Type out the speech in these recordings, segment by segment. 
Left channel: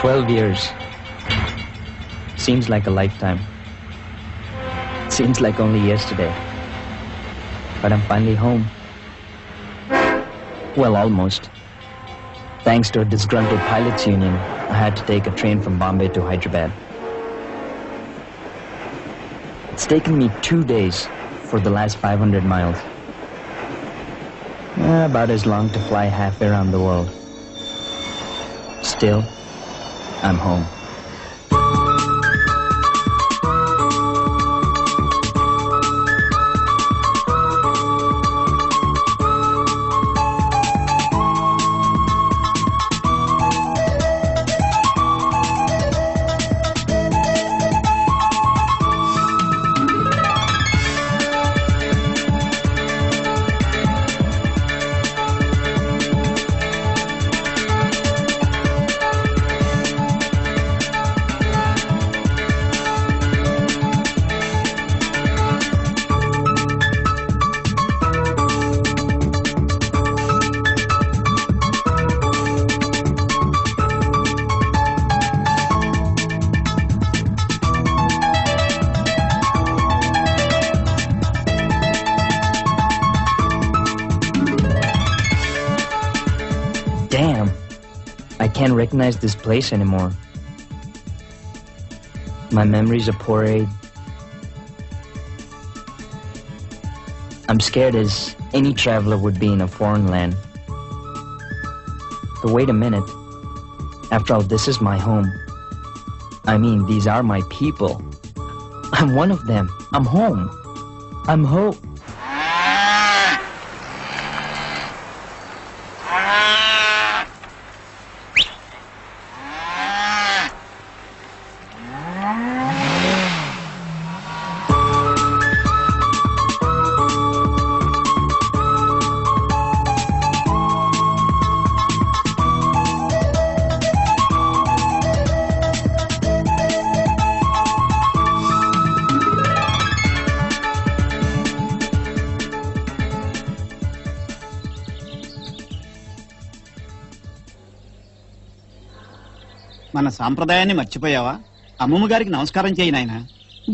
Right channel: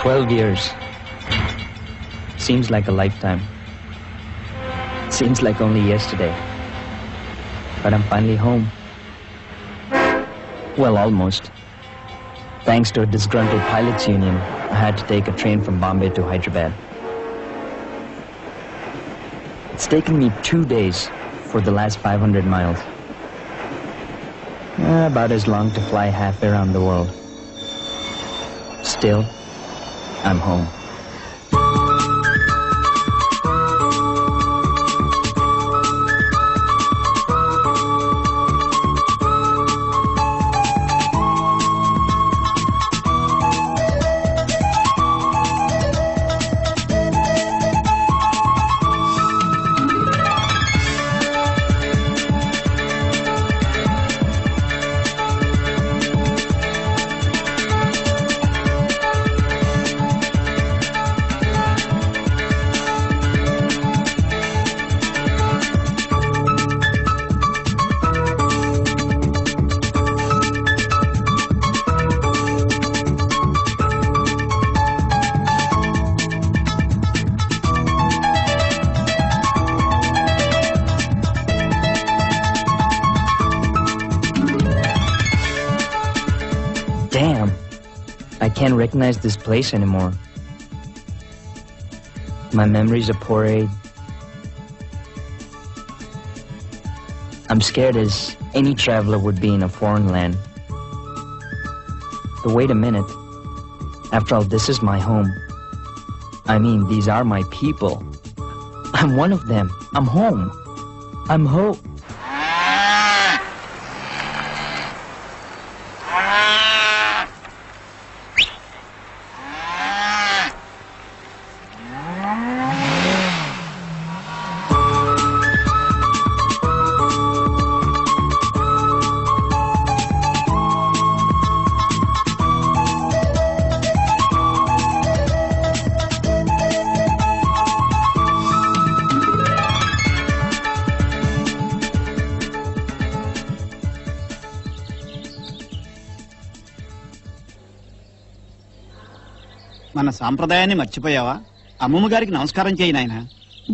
12 years. Seems like a lifetime. Seems like only yesterday. But I'm finally home. Well, almost. Thanks to a disgruntled pilots union, I had to take a train from Bombay to Hyderabad. It's taken me 2 days for the last 500 miles. Yeah, about as long to fly half around the world. Still, I'm home. Damn, I can't recognize this place anymore. My memories are poor. I'm scared as any traveler would be in a foreign land. But wait a minute. After all, this is my home. I mean, these are my people. I'm one of them. I'm home. I'm home. మన సాంప్రదాయాన్ని మర్చిపోయావా? అమ్మమ్మ గారికి నమస్కారం చేయి నాయనా.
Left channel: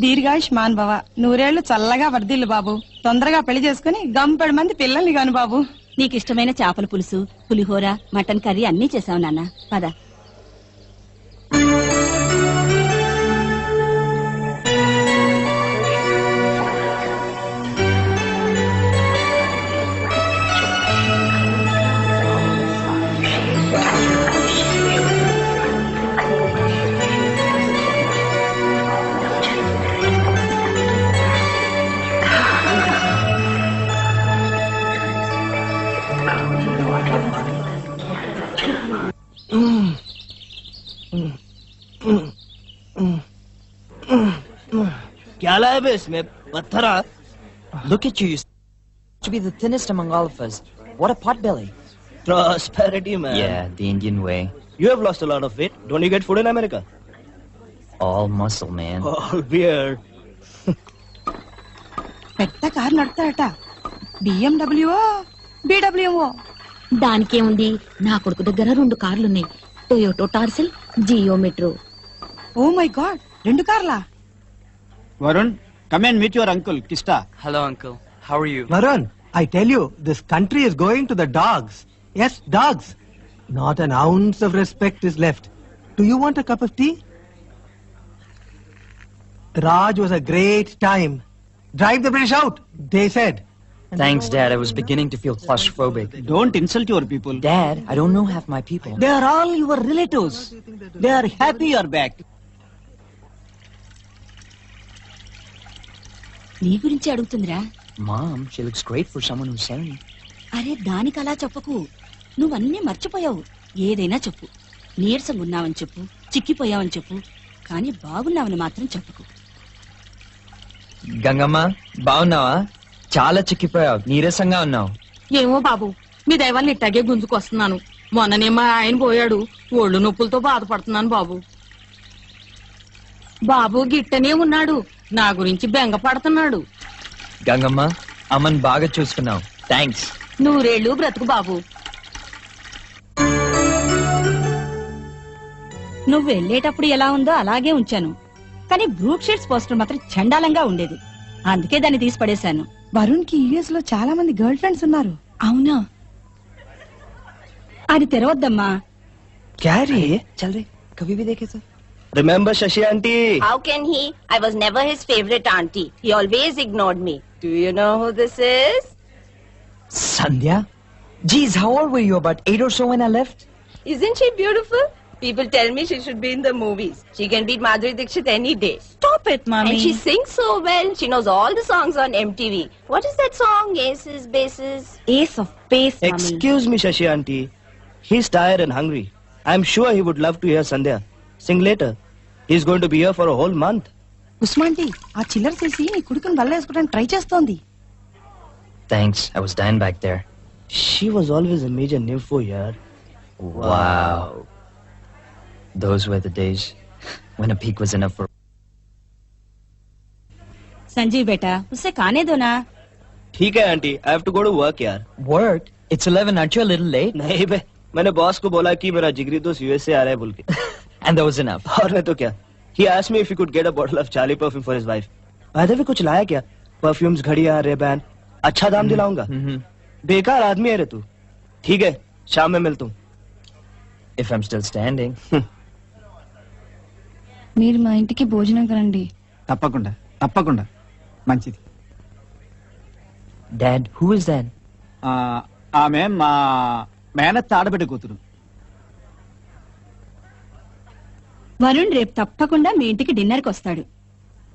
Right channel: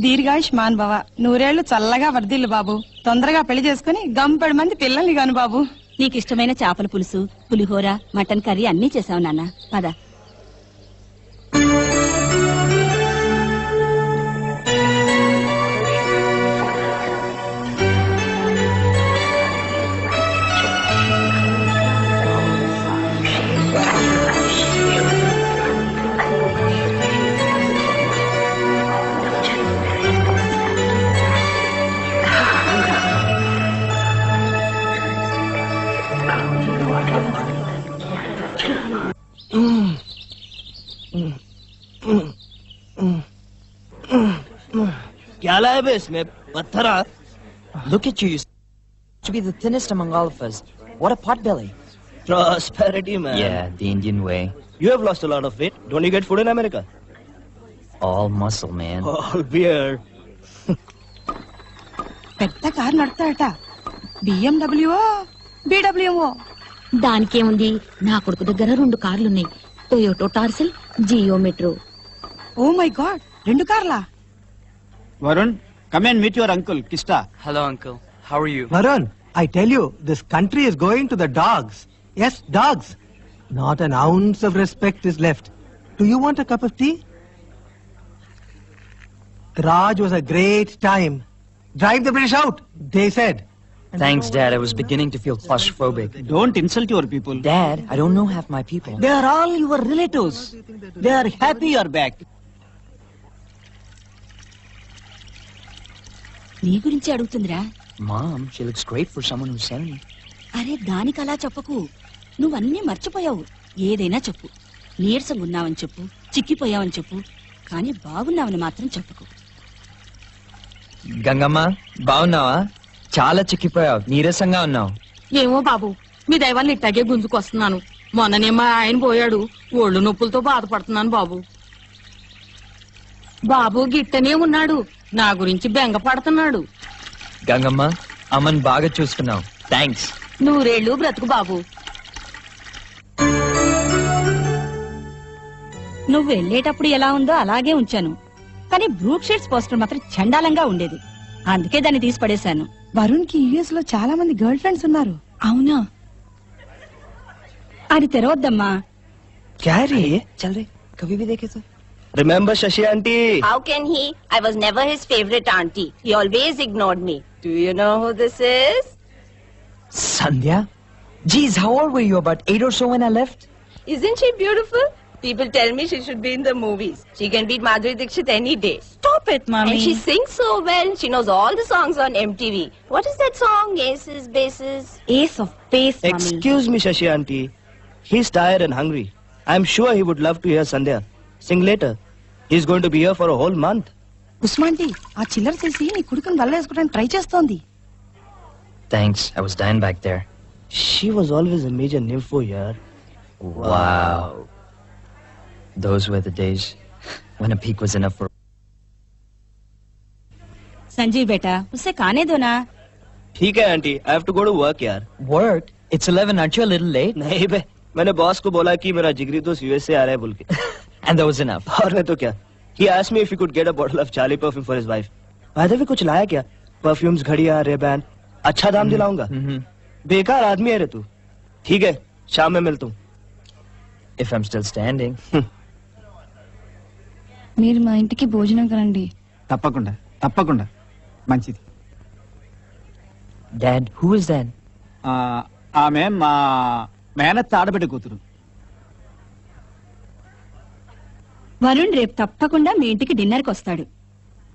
దీర్ఘాయుష్మాన్ భవ, నూరేళ్లు చల్లగా వర్ధిల్లు బాబు. తొందరగా పెళ్లి చేసుకుని గంపెడు మంది పిల్లల్ని గాను బాబు. నీకు ఇష్టమైన చేపల పులుసు, పులిహోర, మటన్ కర్రీ అన్నీ చేసావు నాన్న. పద. क्या लाया बे इसमें? पत्थर? Look at you. You to be the thinnest among all of us. What a potbelly. Prosperity, man. Yeah, the Indian way. You have lost a lot of weight. Don't you get food in America? All muscle, man. All beard. పెద్ద car నడతాడట. BMW BWO. దానికే ఉంది. నా కొడుకు దగ్గర 2 కార్లున్నాయి. Toyota టార్సిల్, Geo Metro. Oh my god, 2 కార్లా? Varun, come and meet your uncle, Kista. Hello, uncle. How are you? Varun, I tell you, this country is going to the dogs. Yes, dogs. Not an ounce of respect is left. Do you want a cup of tea? Raj was a great time. Drive the British out, they said. Thanks, Dad. I was beginning to feel claustrophobic. Don't insult your people. Dad, I don't know half my people. They are all your relatives. They are happy you're back. నీ గురించి అడుగుతుందిరా. Mom, she looks great for someone who's sane. అరే దానికి అలా చెప్పకు. నువ్వన్నీ మర్చిపోయావు. ఏదైనా చెప్పు. నీరసంగా ఉన్నావని చెప్పు, చిక్కిపోయావని చెప్పు, కానీ బాగున్నావని మాత్రం చెప్పుకో. గంగమ్మ, బాగున్నావా? చాలా చిక్కిపోయావు, నీరసంగా ఉన్నావు. ఏమో బాబు, మీ దైవాన్ని ఇట్టాగే గుంజుకొస్తున్నాను. మొన్ననే మా ఆయన పోయాడు, ఒళ్ళు నొప్పులతో బాధపడుతున్నాను బాబు. బాబు గిట్టనే ఉన్నాడు, నా గురించి బెంగ పడుతున్నాడు. గంగమ్మ, అమ్మని బాగా చూసుకున్నావు. థ్యాంక్స్. 100 ఏళ్ళు బ్రతుకు బాబు. నువ్వు వెళ్ళేటప్పుడు ఎలా ఉందో అలాగే ఉంచాను. కానీ బ్రూక్ షీట్స్ పోస్టర్ మాత్రం చండాలంగా ఉండేది. అందుకే దాన్ని తీసి పడేశాను. వరుణ్ కి యుఎస్ లో చాలా మంది గర్ల్ ఫ్రెండ్స్ ఉన్నారు. అవునా? అది తెరవద్దమ్మా. क्या है रे ये? चल रे कभी भी देखे तो Remember Shashi auntie? How can he? I was never his favorite auntie. He always ignored me. Do you know who this is? Sandhya? Geez, how old were you? About 8 or so when I left? Isn't she beautiful? People tell me she should be in the movies. She can beat Madhuri Dixit any day. Stop it, mommy. And she sings so well. She knows all the songs on MTV. What is that song? Aces, Bases? Ace of Base, mommy. Excuse me Shashi auntie. He's tired and hungry. I'm sure he would love to hear Sandhya sing later. He's going to be here for a whole month. Usman ji, ఆ చిల్లర చేసి నీ కుడుకుని వల్లేసుకోవడానికి try చేస్తోంది. Thanks, I was dying back there. She was always a major nympho here. Wow. Those were the days when a peek was enough for... Sanjeev बेटा, उससे खाने दो ना. ठीक है aunty, I have to go to work यार. Work? It's 11, aren't you a little late? नहीं बे, मैंने बॉस को बोला कि मेरा जिगरी दोस्त यूएस से आ रहा है बोल के. And that was enough. और नहीं तो क्या? He asked me if he could get a bottle of Charlie perfume for his wife. वैसे भी कुछ लाया क्या? Perfumes, घड़ियाँ, रिबैंड. अच्छा दाम दिलाऊंगा. बेकार आदमी है रे तू. ठीक है, शाम में मिलता हूँ. If I'm still standing. మీరు మా ఇంటికి భోజనం కరండి. తప్పకుండా తప్పకుండా. మంచిది. Dad, who is that? ఆమె మా మేనత్త ఆడబిడ్డ కూతురు. వరుణ్ రేపు తప్పకుండా మీ ఇంటికి డిన్నర్కి వస్తాడు.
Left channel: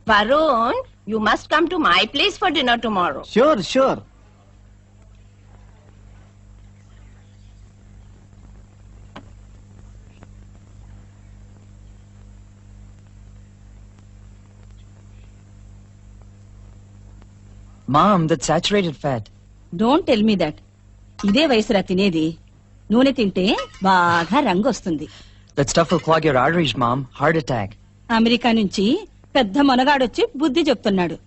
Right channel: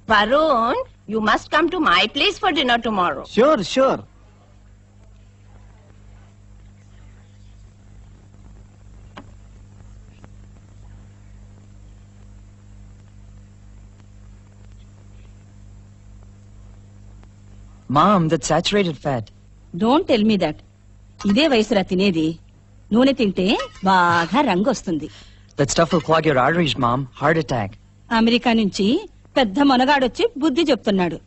Varun, you must come to my place for dinner tomorrow. Sure sure. Mom, that's saturated fat. Don't tell me that. ఇదే వయసురా తినేది. నూనె తింటే బాగా రంగు వస్తుంది. That stuff will clog your arteries, Mom. Heart attack. America నుంచి పెద్ద మనగాడొచ్చి బుద్ధి చెప్తున్నాడు.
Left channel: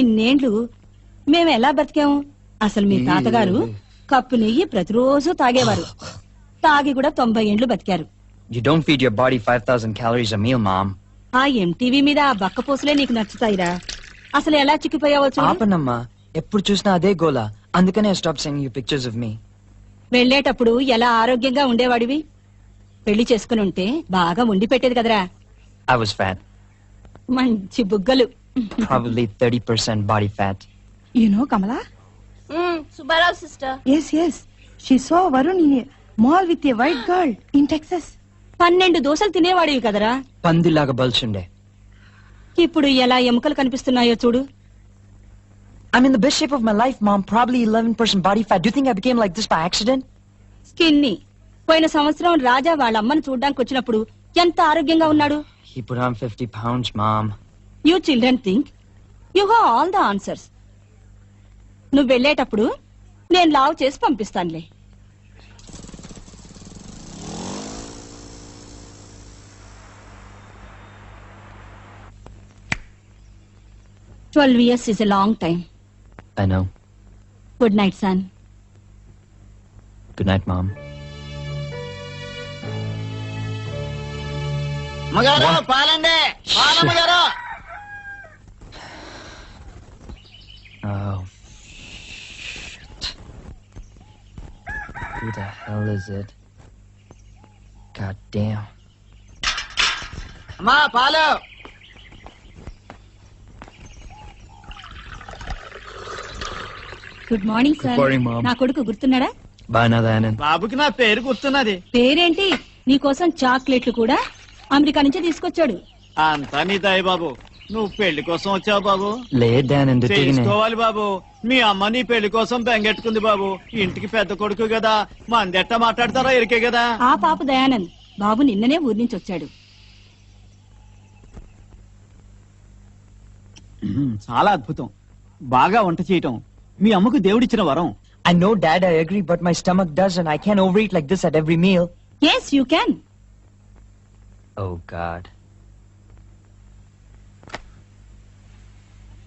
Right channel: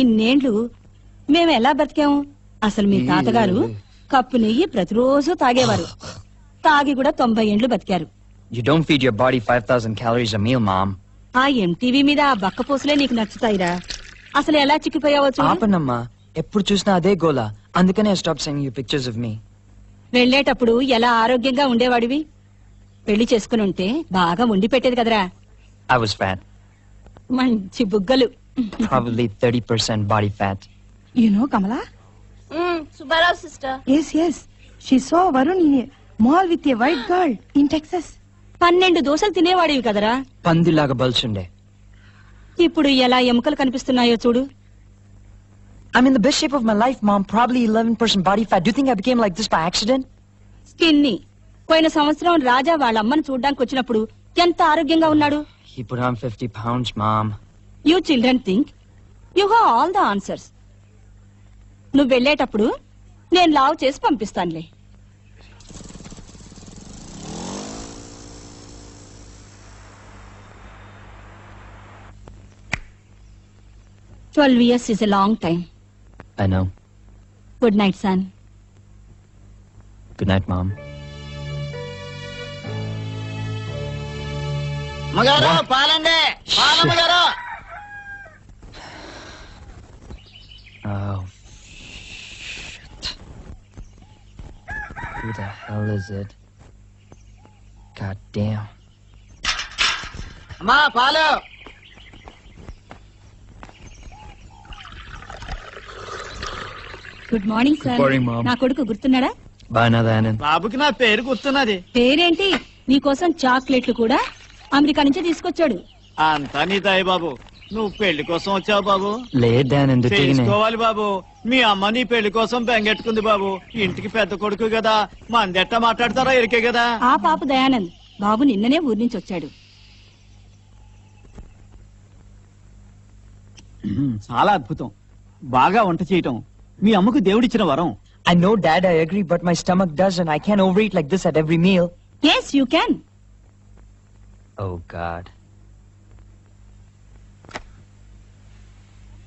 ఇన్నేండ్లు మేము ఎలా బతికాము? అసలు మీ తాతగారు కప్పు నెయ్యి ప్రతిరోజు తాగేవారు. తాగి కూడా 90 ఏండ్లు బతికారు. You don't feed your body 5,000 calories a meal, Mom. ఆ ఎంటీవీ మీద ఆ బక్క పూసలే నీకు నచ్చుతాయిరా. అసలు ఎలా చిక్కిపోయావో చూడు. ఆపనమ్మా, ఎప్పుడు చూసినా అదే గోలా. అందుకనే stop sending you pictures of me. వెళ్లేటప్పుడు ఎలా ఆరోగ్యంగా ఉండేవాడివి? పెళ్లి చేసుకుని ఉంటే బాగా ఉండి పెట్టేది కదరా. I was fat. మంచి బుగ్గలు. Probably 30% body fat. You know Kamala? Subbarao sister. Yes, yes. She saw Varun in a mall with a white girl in Texas. 12 దోశలు తినేవాడివి కదరా. పందిలాగా బల్చుండే. ఇప్పుడు ఎలా ఎముకలు కనిపిస్తున్నాయో చూడు. I'm in the best shape of my life, Mom. Probably 11% body fat. Do you think I became like this by accident? స్కిన్ని. పోయిన సంవత్సరం రాజా వాళ్ళ అమ్మని చూడ్డానికి వచ్చినప్పుడు ఎంత ఆరోగ్యంగా ఉన్నాడు. He put on 50 pounds, Mom. You children think you have all the answers. నువ్వు వెళ్ళేటప్పుడు నేను లావు చేసి పంపిస్తానులే. 12 years is a long time. I know. Good night, son. Good night, Mom. మగారు పాలండి, పాలమ్మగారు. Oh, shit. Who the hell is it? God damn. అమ్మా పాలు. Good morning sir. Good morning, Mom. నా కొడుకు గుర్తున్నాడా? Banadanan. బాబుకి నా పేరు గుర్తున్నది. పేరేంటి? నీకోసం చాక్లెట్లు కూడా అమెరికా నుంచి తీసుకొచ్చాడు. అంతా నీ దయ బాబు. నువ్వు పెళ్లి కోసం వచ్చావు బాబు. లేదానందు తిగినే. చేసుకోవాలి బాబు. మీ అమ్మ నీ పెళ్లి కోసం బెంగెట్టుకుంది బాబు. ఇంటికి పెద్ద కొడుకు కదా, మంది ఎట్టా మాట్లాడతారో ఎరికే కదా. ఆ పాప దయానంద్ బాబు నిన్ననే ఊరి నుంచి వచ్చాడు. చాలా అద్భుతం. బాగా వంట చేయటం మీ అమ్మకు దేవుడిచ్చిన వరం. I know, Dad, I agree, but my stomach doesn't. I can't overeat like this at every meal. Yes, you can. Oh, God.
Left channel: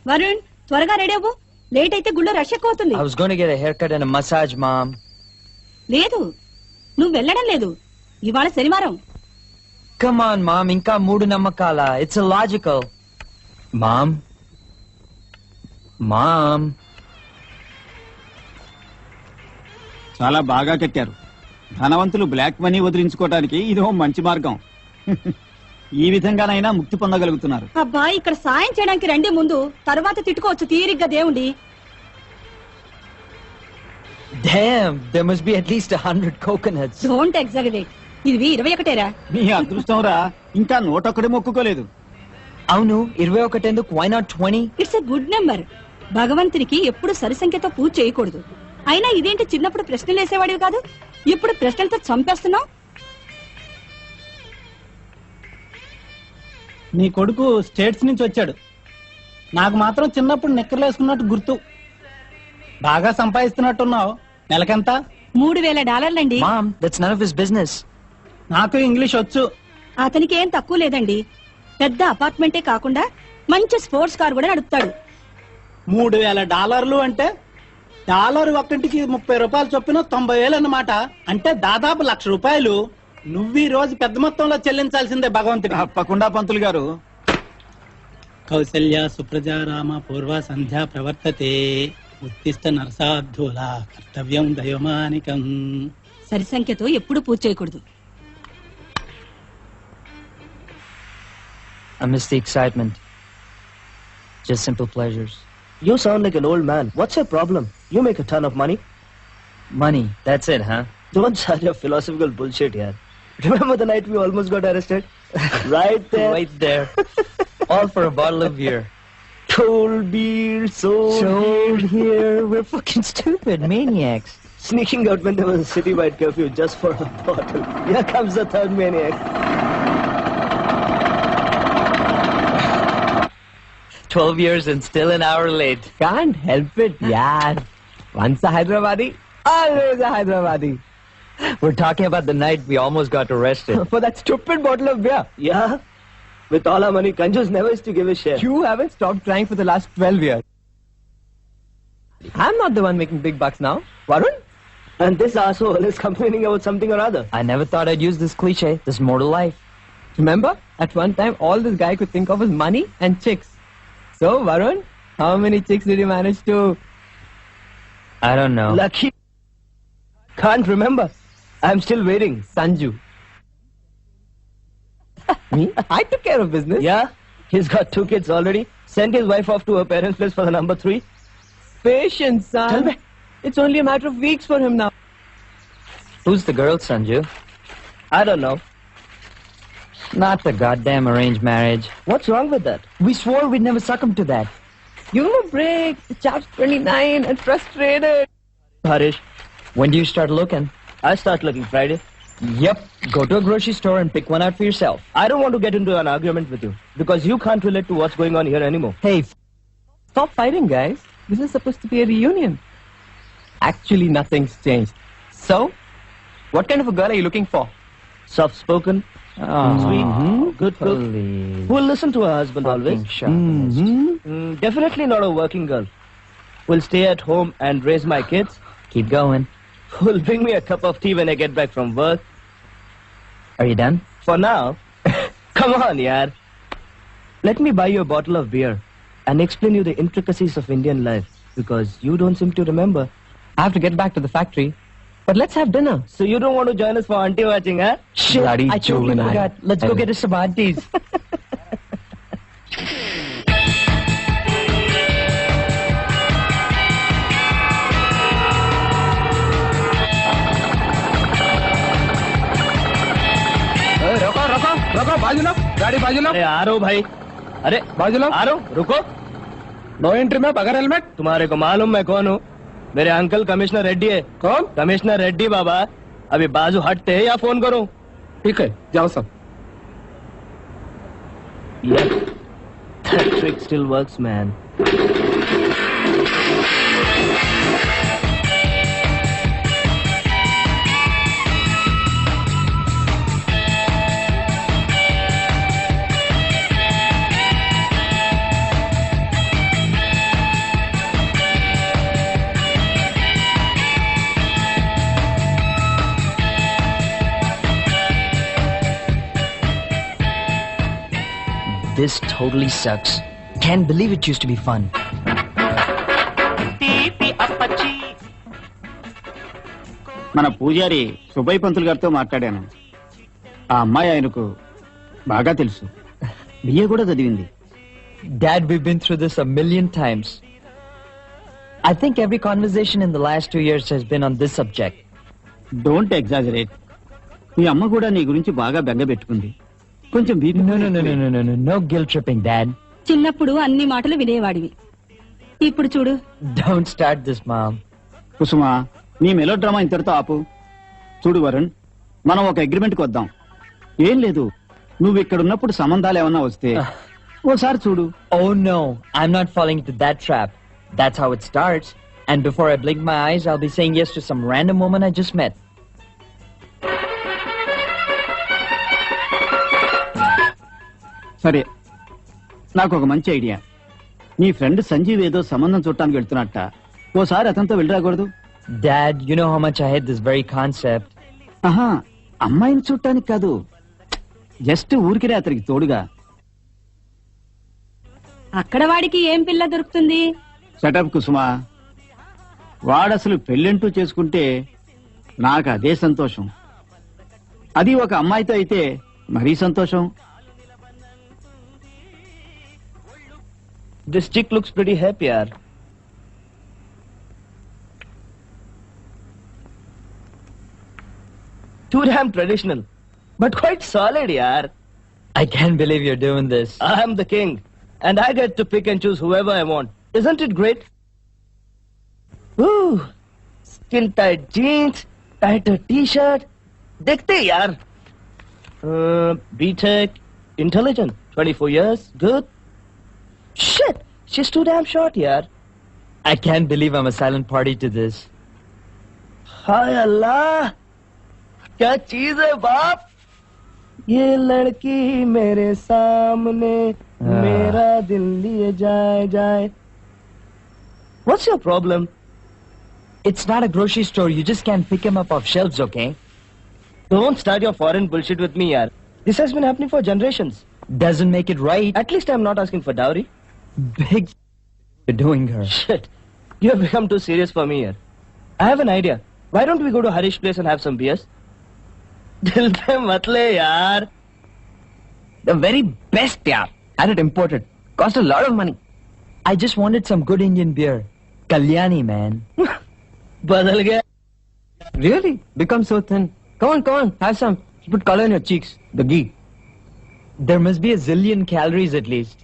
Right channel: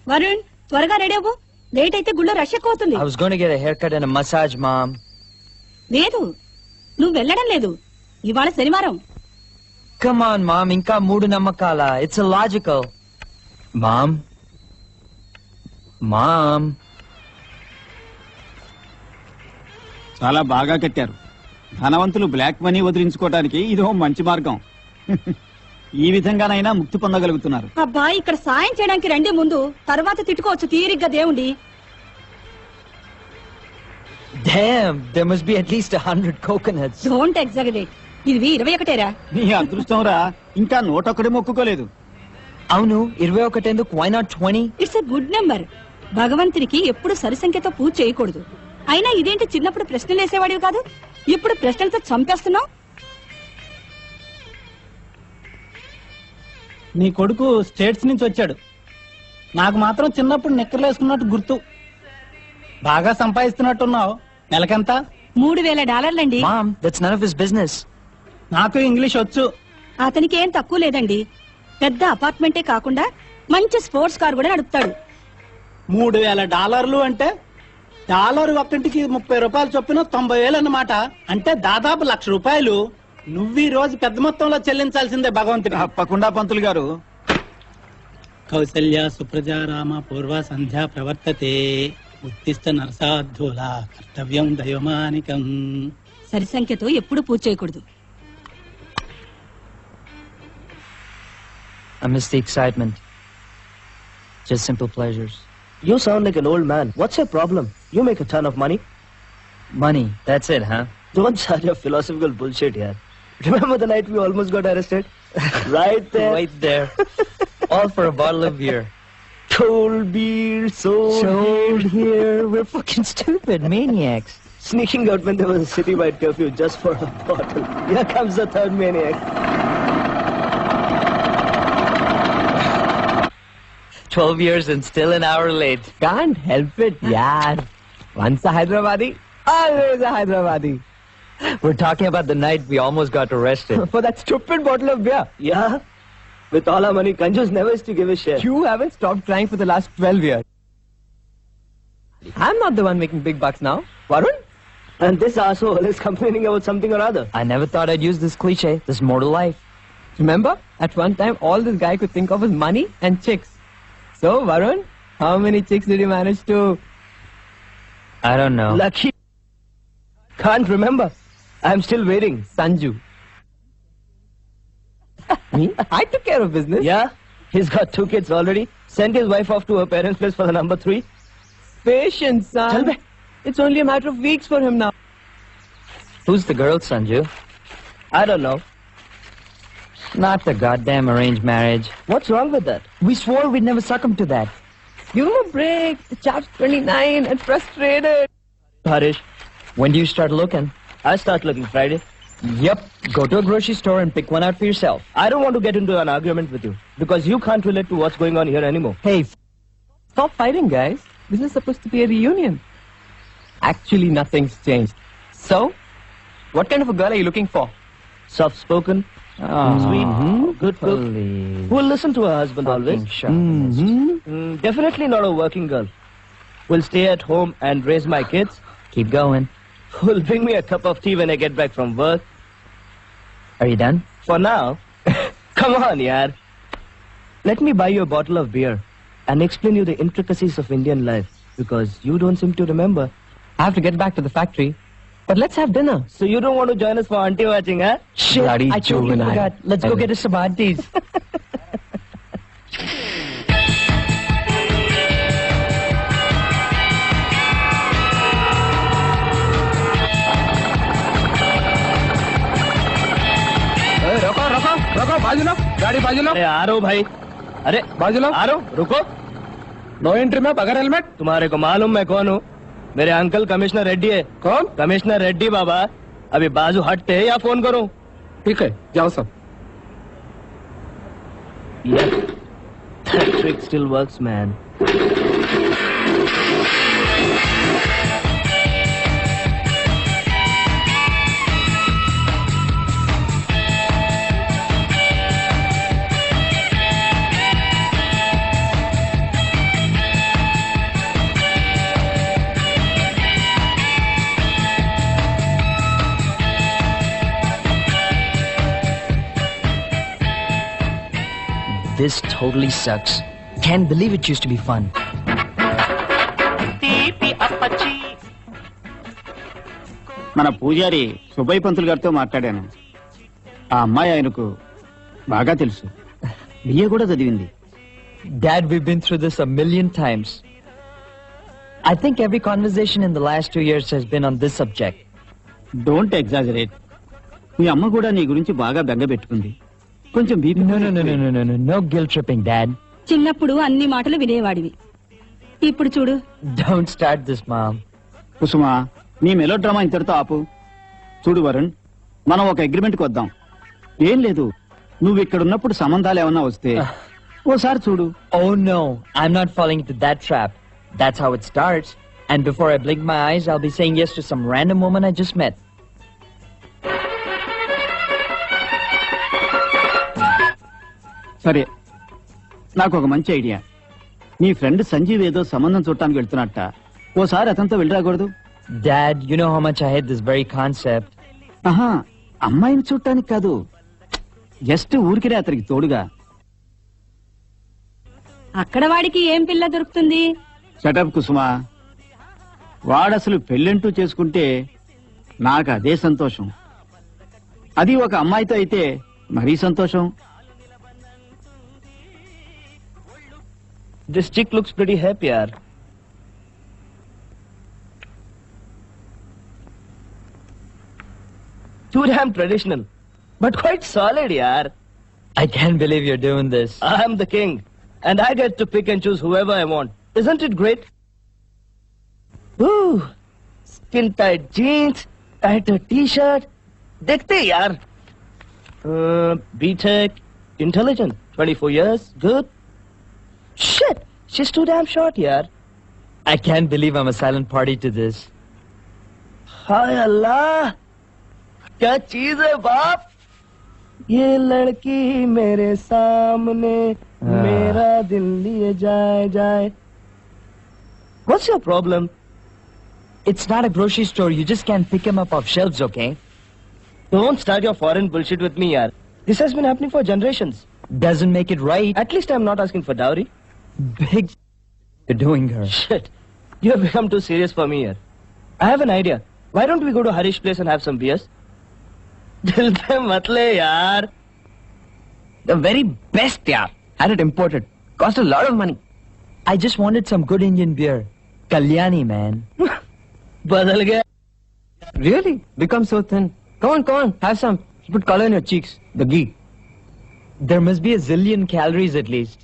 Varun, త్వరగా రెడీ అవ్వు. లేట్ అయితే గుళ్ళో రష్ ఎక్కువ అవుతుంది. I was going to get a haircut and a massage, Mom. లేదు, నువ్వు వెళ్ళడం లేదు. ఇవాళ శనివారం. Come on, Mom. Inka మూడు నమ్మకాల. It's illogical. Mom. Mom. చాలా బాగా కట్టారు. ధనవంతులు బ్లాక్ మనీ వదిలించుకోవడానికి ఇదో మంచి మార్గం. ఈ విధంగానైనా ముక్తి పొందగలుగుతున్నారు. అబ్బా ఇక్కడ సాయం చేయడానికి రండి, ముందు తర్వాత తిట్టుకోవచ్చు తీరిగ్గా దేవుండి. Damn, there must be at least 100 coconuts. Don't exaggerate. ఇది 21రా. నీ అదృష్టం రా, ఇంకా 101 మొక్కుకోలేదు. అవును 21 ఎందుకు? Why not 20? It's a good number. భగవంతునికి ఎప్పుడు సరిసంఖ్యతో పూజ చేయకూడదు. అయినా ఇదేంటి, చిన్నప్పుడు ప్రశ్నలు వేసేవాడివి కాదు, ఇప్పుడు ప్రశ్నలతో చంపేస్తున్నావు. నీ కొడుకు స్టేట్స్ నుంచి వచ్చాడు. నాకు మాత్రం చిన్నప్పుడు నిక్కర్లు వేసుకున్నట్టు గుర్తు. బాగా సంపాదిస్తున్నట్టున్నావు. నెలకెంత? $3,000 Mom, that's none of his business. నాకు ఇంగ్లీష్ వచ్చు. అతనికి ఏం తక్కువ లేదండి. పెద్ద అపార్ట్మెంటే కాకుండా మంచి స్పోర్ట్స్ కార్ కూడా నడుపుతాడు. $3,000 అంటే డాలర్ ఒక్కటికి 30 రూపాయలు చొప్పున 90,000 అన్నమాట. అంటే దాదాపు ₹1,00,000. నువ్వు ఈ రోజు పెద్ద మొత్తంలో చెల్లించాల్సిందే భగవంతుడు. తప్పకుండా పంతులు గారు. కౌసల్య సుప్రజా రామ పూర్వ సంధ్యా ప్రవర్తతే ఉత్తిష్ట నరసాధూల కర్తవ్యం దైవమానికం. సరిసంఖ్యతో ఎప్పుడు పూజ చేయకూడదు. I miss the excitement. Just simple pleasures. You sound like an old man. What's your problem? You make a ton of money. Money, that's it, huh? Don't start your philosophical bullshit here. Remember the night we almost got arrested? Right there. Right there. All for a bottle of beer. Cold beer, sold here. We're fucking stupid maniacs. Sneaking out when there was a citywide curfew just for a bottle. Here comes the third maniac. 12 years and still an hour late. Can't help it, yaar. Once a Hyderabadi, always a Hyderabadi. We're talking about the night we almost got arrested. For that stupid bottle of beer. Yeah? With all our money, Kanjus never used to give a share. You haven't stopped trying for the last 12 years. I'm not the one making big bucks now. Varun? And this asshole is complaining about something or other. I never thought I'd use this cliche. There's more to life. Remember? At one time, all this guy could think of was money and chicks. So, Varun, how many chicks did you manage to... I don't know. Lucky. Can't remember. I'm still waiting. Sanju. Me? I took care of business. Yeah? He's got 2 kids already. Sent his wife off to her parents' place for the number 3. Patience, son. Tell me. It's only a matter of weeks for him now. Who's the girl, Sanju? I don't know. Not the goddamn arranged marriage. What's wrong with that? We swore we'd never succumb to that. Give him a break. The chap's 29 and frustrated. Harish, When do you start looking? I start looking Friday. Yep. Go to a grocery store and pick one out for yourself. I don't want to get into an argument with you because you can't relate to what's going on here anymore. Hey, stop fighting, guys. This is supposed to be a reunion. Actually, nothing's changed. So, what kind of a girl are you looking for? Soft-spoken, sweet, good cook, Holy who'll listen to her husband always. fucking shit. Definitely not a working girl. Will stay at home and raise my kids. Keep going. Who'll bring me a cup of tea when I get back from work. Are you done? For now, come on, yaar. Let me buy you a bottle of beer and explain you the intricacies of Indian life because you don't seem to remember. I have to get back to the factory. But let's have dinner. So you don't want to join us for auntie watching, huh? Bloody I totally juvenile. forgot. Let's go get us some aunties. रोको, बाजू लो, गाड़ी बाजू लो, अरे आ रहा हूँ भाई. अरे बाजू लो. आ रहा हूँ. रुको. नो एंट्री में बगैर हेलमेट. तुम्हारे को मालूम मैं कौन हूँ? मेरे अंकल कमिश्नर रेड्डी है. कौन? कमिश्नर रेड्डी बाबा. अभी बाजू हटते हैं या फोन करूँ? ठीक है, जाओ सब. Yeah. That trick still works, man. This totally sucks. Can't believe it used to be fun. మన పూజారి సుబ్బయ్య పంతులు గారితో మాట్లాడాను. ఆ అమ్మాయి ఆయనకు బాగా తెలుసు. బిఏ కూడా చదివింది. Dad, we've been through this a million times. I think every conversation in the last 2 years has been on this subject. Don't exaggerate. మీ అమ్మ కూడా నీ గురించి బాగా బెంగ పెట్టుకుంది. కొంచెం No guilt tripping, Dad. చిన్నప్పుడు అన్ని మాటలు వినేవాడివి, ఇప్పుడు చూడు. Don't start this, Mom. Kusuma, నీ మెలో డ్రామా ఇంతటితో ఆపు. చూడు వరుణ్, మనం ఒక అగ్రిమెంట్కి వద్దాం. ఏం లేదు, నువ్వు ఇక్కడ ఉన్నప్పుడు సంబంధాలు ఏమన్నా వస్తే ఓసారి చూడు. Oh no, I'm not falling into that trap. That's how it starts. And before I blink my eyes, I'll be saying yes to some random woman I just met. సరే, నాకు ఒక మంచి ఐడియా. నీ ఫ్రెండ్ సంజీవ్ ఏదో సంబంధం చూడటానికి వెళ్తున్నట్ట. ఓసారి అతనితో వెళ్ళి రాకూడదు? Dad, you know how much I hate this very concept. ఆహా, అమ్మాయిని చూడటానికి కాదు, జస్ట్ ఊరికినే అతనికి తోడుగా. అక్కడ వాడికి ఏం పిల్ల దొరుకుతుంది? సెటప్ కుసుమా, వాడసలు పెళ్ళంటూ చేసుకుంటే నాకు అదే సంతోషం. అది ఒక అమ్మాయితో అయితే మరీ సంతోషం. This chick looks pretty happy, yaar. Too damn traditional, but quite solid, yaar. I can't believe you're doing this. I'm the king, and I get to pick and choose whoever I want. Isn't it great? Ooh, skin-tight jeans, tighter t-shirt. Dekhte yaar. B-Tech, intelligent, 24 years, good. Shit, she's too damn short, yaar. I can't believe I'm a silent party to this. Hi Allah, क्या चीज है बाप? ये लड़की मेरे सामने मेरा दिल लिए जाए. What's your problem? It's not a grocery store. You just can't pick him up off shelves, okay? Don't start your foreign bullshit with me, yaar. This has been happening for generations. Doesn't make it right. At least I'm not asking for dowry. Big you're doing her. Shit, you have become too serious for me, yaar. I have an idea. Why don't we go to Harish's place and have some beers? Dil pe matle, yaar. The very best, yeah. Had it imported. Cost a lot of money. I just wanted some good Indian beer. Kalyani, man. Badal gaya. Really? Become so thin. Come on, have some. Put color in your cheeks. The ghee. There must be a zillion calories at least.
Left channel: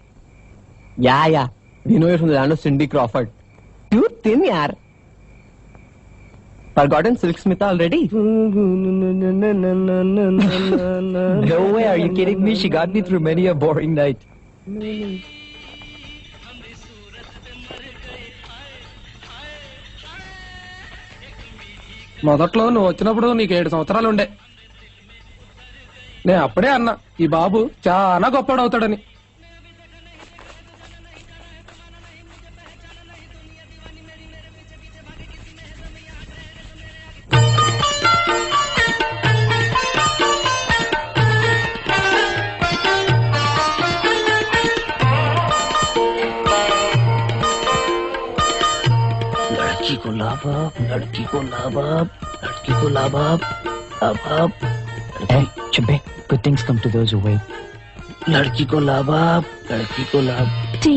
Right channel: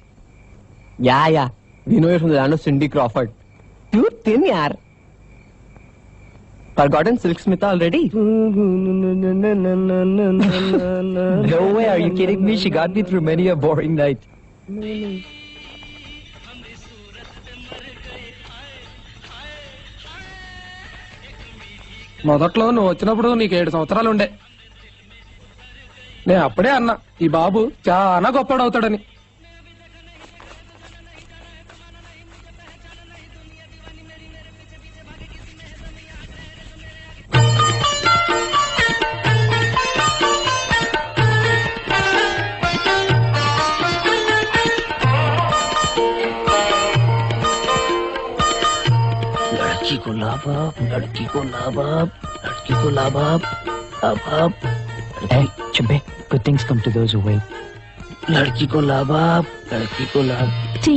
Yeah. We know you're from the land of Cindy Crawford. Too thin, yaar. Forgotten Silk Smith already? No way, are you kidding me? She got me through many a boring night. మొదట్లో నువ్వు వచ్చినప్పుడు నీకు 7 సంవత్సరాలు ఉండే. నేను అప్పుడే అన్నా ఈ బాబు చాలా గొప్పడవుతాడని. लड़की को ला बाप. Hey, Chimpe, good things come to those who wait. लड़की को ला बाप. Tea.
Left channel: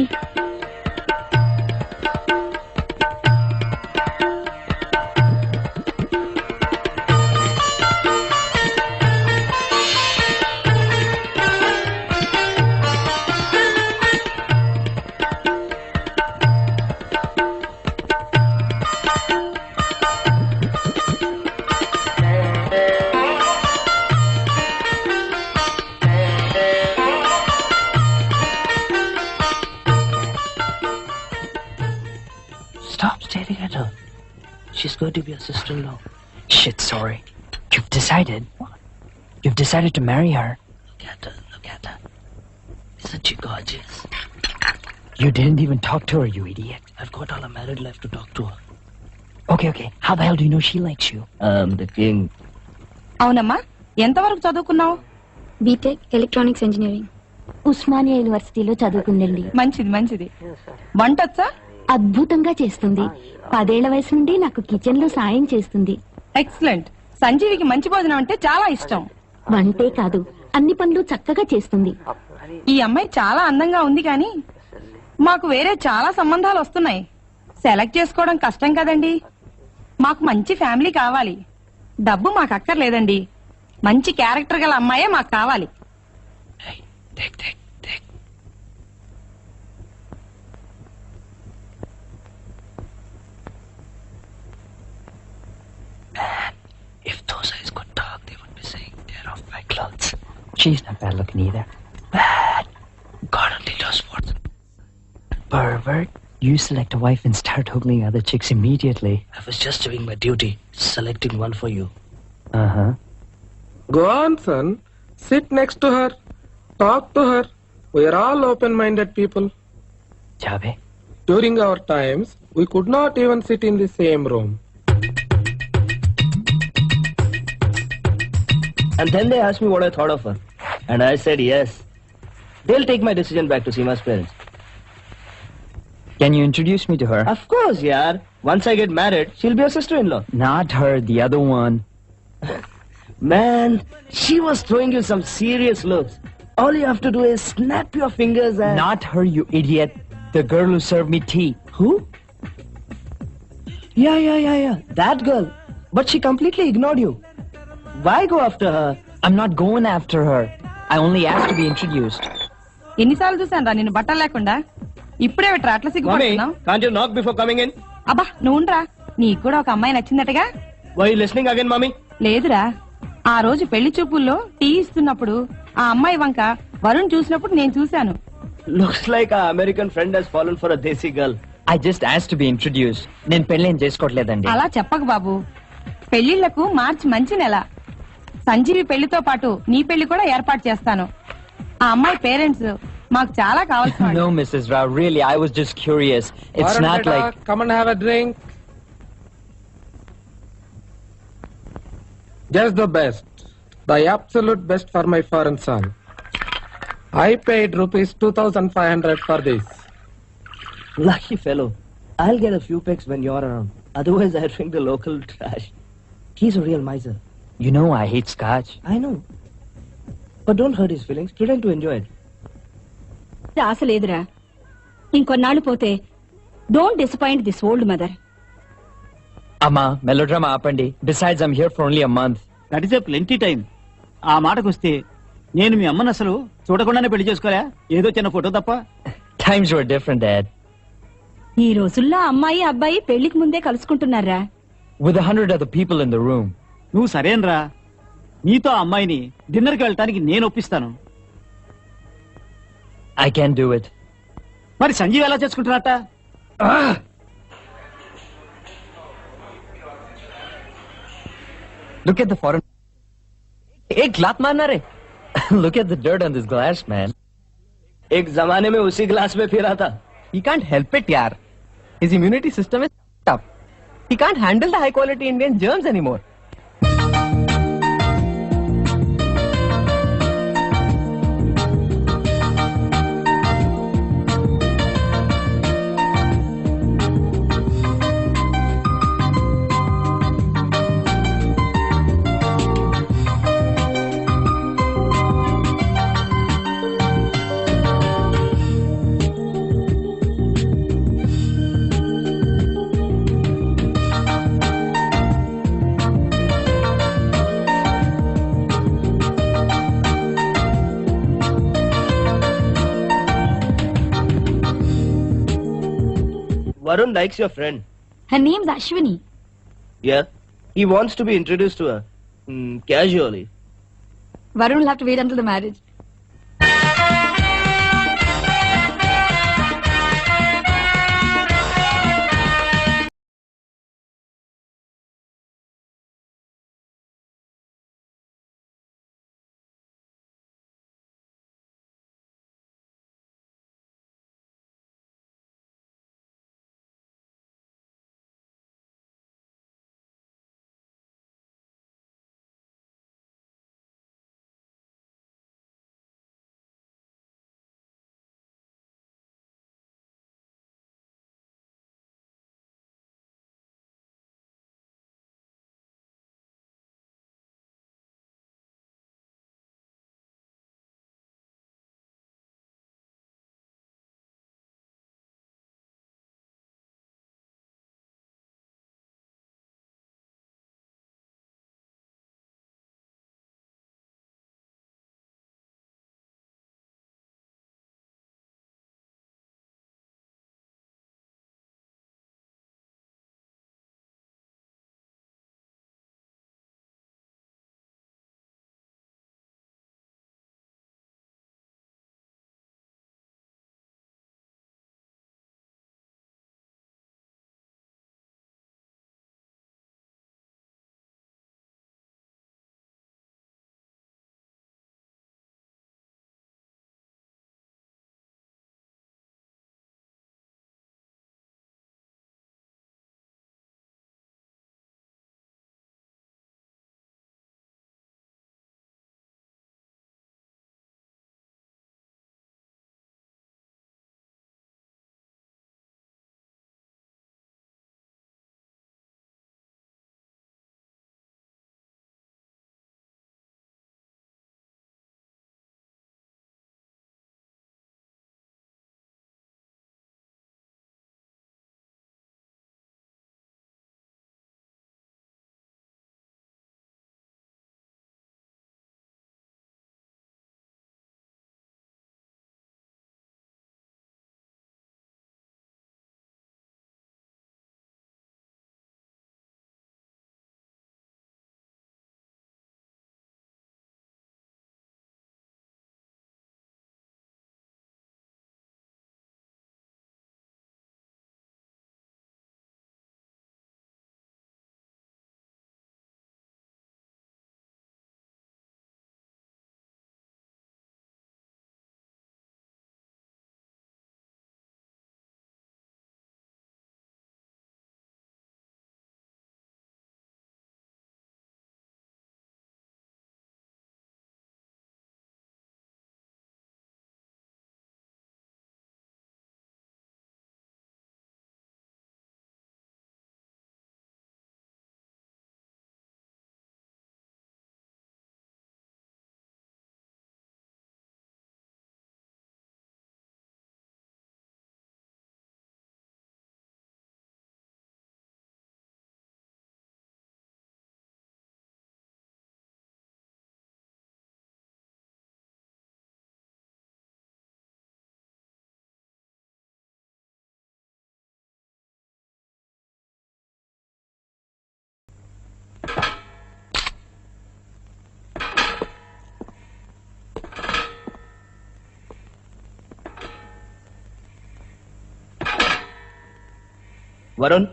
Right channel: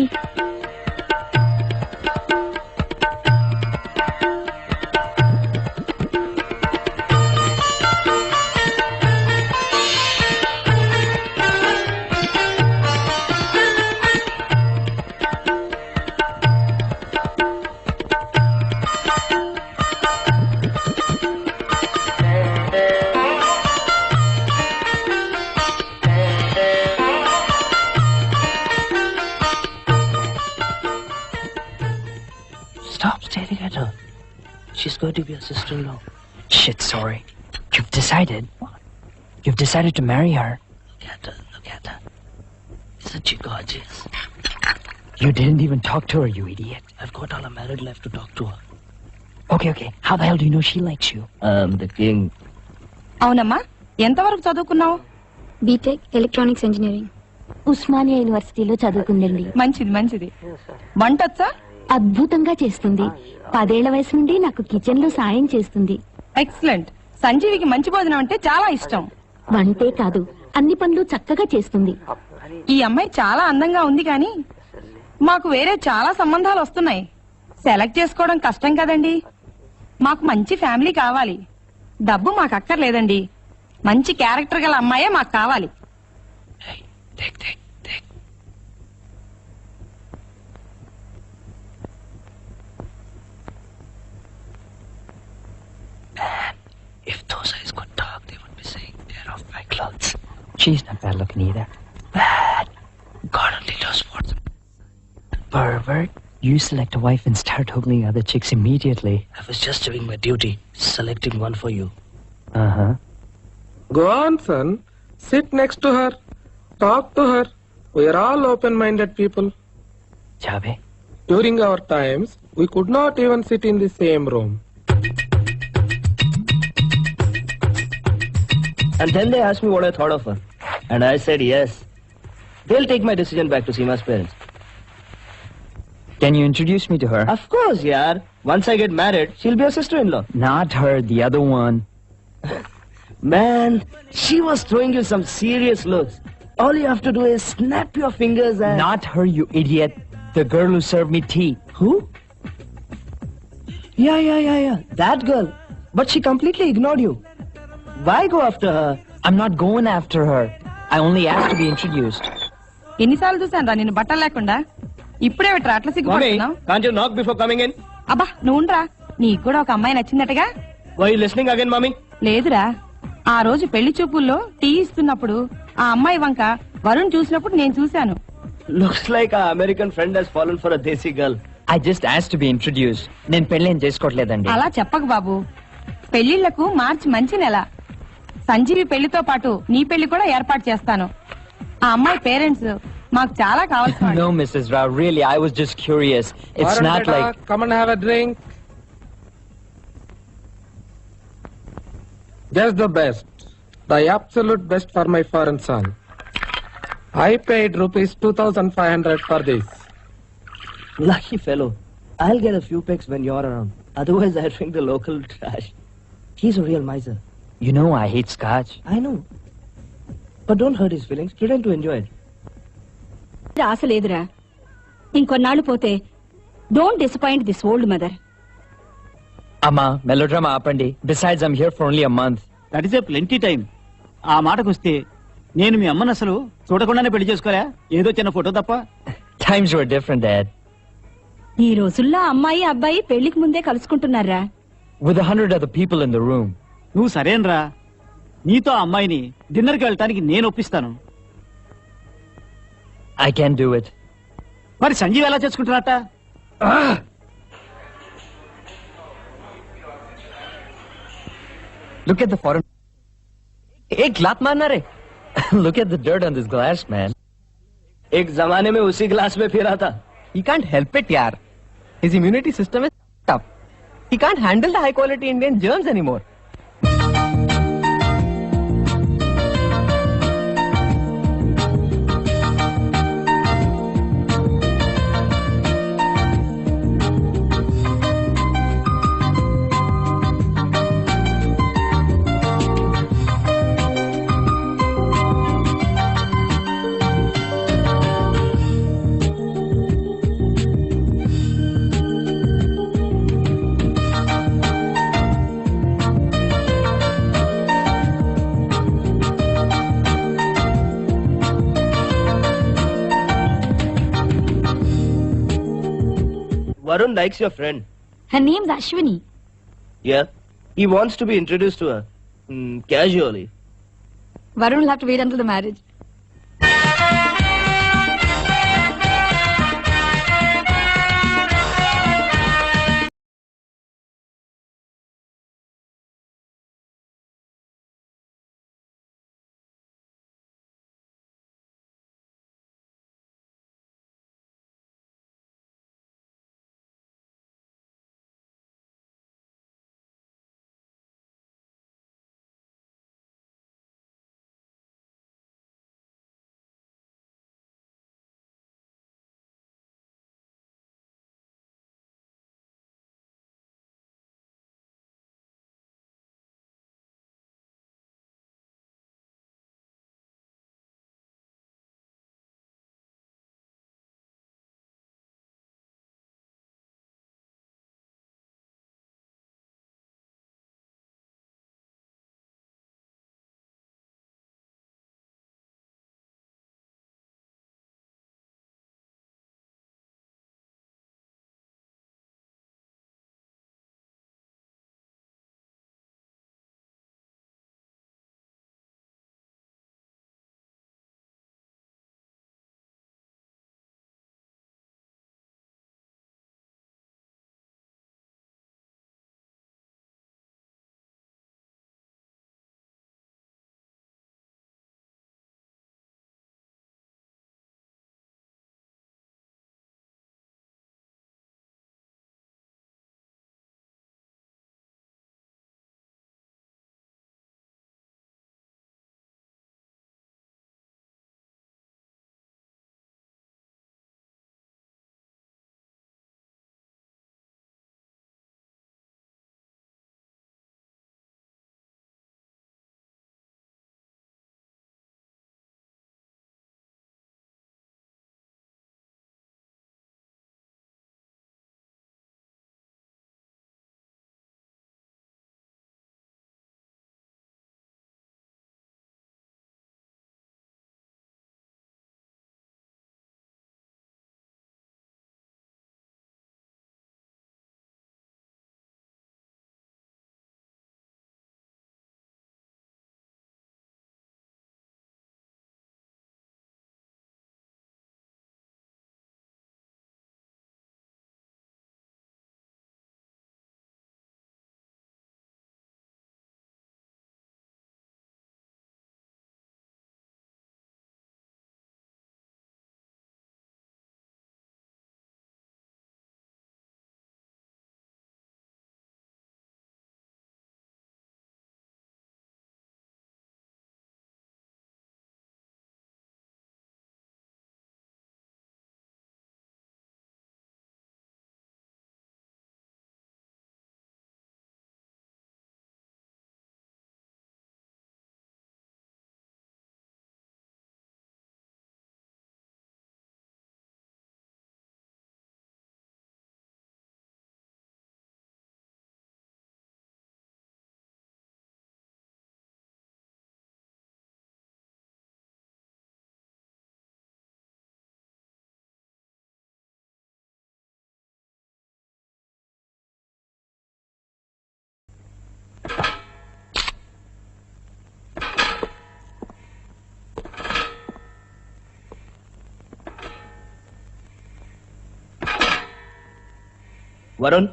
Stop staring at her. She's going to be a sister-in-law. Shit, sorry. You've decided to marry her. Look at her. Isn't she gorgeous? You didn't even talk to her, you idiot. I've got all her married life to talk to her. Okay. How the hell do you know she likes you? I'm the king. అవునమ్మా, ఎంతవరకు చదువుకున్నావు? BTech electronics engineering. Osmania యూనివర్సిటీలో చదువుకుందండి. మంచిది మంచిది. వంటొచ్చా? అద్భుతంగా చేస్తుంది. 10 ఏళ్ల వయసు నుండి నాకు కిచెన్ లో సాయం చేస్తుంది. ఎక్సలెంట్. సంజీవికి మంచి భోజనం అంటే చాలా ఇష్టం. వంటే కాదు, అన్ని పనులు చక్కగా చేస్తుంది. ఈ అమ్మాయి చాలా అందంగా ఉంది కానీ మాకు వేరే చాలా సంబంధాలు వస్తున్నాయి. సెలెక్ట్ చేసుకోవడం కష్టం కదండి. మాకు మంచి ఫ్యామిలీ కావాలి. డబ్బు మాకు అక్కర్లేదండి. మంచి క్యారెక్టర్ గల అమ్మాయే మాకు కావాలి. If those eyes could talk, they would be saying they're off my clothes. She's not bad looking either. Bad. God only knows what. Pervert. You select a wife and start ogling other chicks immediately. I was just doing my duty, selecting one for you. Uh-huh. Go on, son. Sit next to her. Talk to her. We are all open-minded people. Chave. During our times, we could not even sit in the same room. And then they asked me what I thought of her. And I said yes. They'll take my decision back to Seema's parents. Can you introduce me to her? Of course, yaar. Once I get married, she'll be a sister-in-law. Not her, the other one. Man, she was throwing you some serious looks. All you have to do is snap your fingers and... Not her, you idiot. The girl who served me tea. Who? Yeah. That girl. But she completely ignored you. Why go after her? I'm not going after her. I only asked to be introduced. ఎన్నిసార్లు చూసాను రా నిన్ను బట్టలు లేకుండా. ఇప్పుడే అట్లా Mommy, సిగ్గుపడుతున్నావు. can't you knock before coming in? అబ్బా నువ్వురా. నీకు కూడా ఒక అమ్మాయి నచ్చిందటగా? Were you listening again, Mommy? లేదురా. ఆ రోజు పెళ్లి చూపుల్లో టీ ఇస్తున్నప్పుడు ఆ అమ్మాయి వంక వరుణ్ చూసినప్పుడు నేను చూశాను. Looks like our American friend has fallen for a desi girl. I just asked to be introduced. నేను పెళ్లి ఏం చేసుకోవట్లేదండి. అలా చెప్పకు బాబు. పెళ్లిళ్లకు మార్చి మంచి నెల. సంజీవి పెళ్లితో పాటు నీ పెళ్లి కూడా ఏర్పాటు చేస్తాను. ఆ అమ్మాయి పేరెంట్స్ మాకు చాలా కావాల్సిన No, Mrs. Rao, really, I was just curious. It's Varun not beta, like... come and have a drink. Just the best. The absolute best for my foreign son. I paid rupees 2,500 for this. Lucky fellow. I'll get a few pegs when you're around. Otherwise, I'll drink the local trash. He's a real miser. You know I hate scotch. I know. But don't hurt his feelings. Pretend to enjoy it. ఆశ లేదురా. ఇంకొన్నాళ్ళు పోతే don't disappoint this old mother. Amma, melodrama ఆపండి. Besides, I'm here for only a month. That is a plenty time. ఆ మాటకొస్తే నేను మీ అమ్మను అసలు చూడకుండానే పెళ్లి చేసుకోరా? ఏదో చిన్న ఫోటో తప్ప. Times were different, Dad. ఈ రోజుల్లో అమ్మాయి అబ్బాయి పెళ్లికి ముందే కలుసుకుంటున్నారా? With 100 other people in the room. నువ్వు సరేనరా. నీతో ఆ అమ్మాయిని డిన్నర్కి వెళ్ళటానికి నేను ఒప్పిస్తాను. I can't do it. మరి సంజీవ్ ఎలా చేసుకుంటున్నట్ట? Look at the foreign... एक लात मारना रे. Look at the dirt on this glass, man. एक जमाने में उसी क्लास में फिरा था. He can't help it, yaar. His immunity system is tough. He can't handle the high quality Indian germs anymore. Varun likes your friend. Her name's Ashwini. Yeah. He wants to be introduced to her. Casually. Varun will have to wait until the marriage. Varun,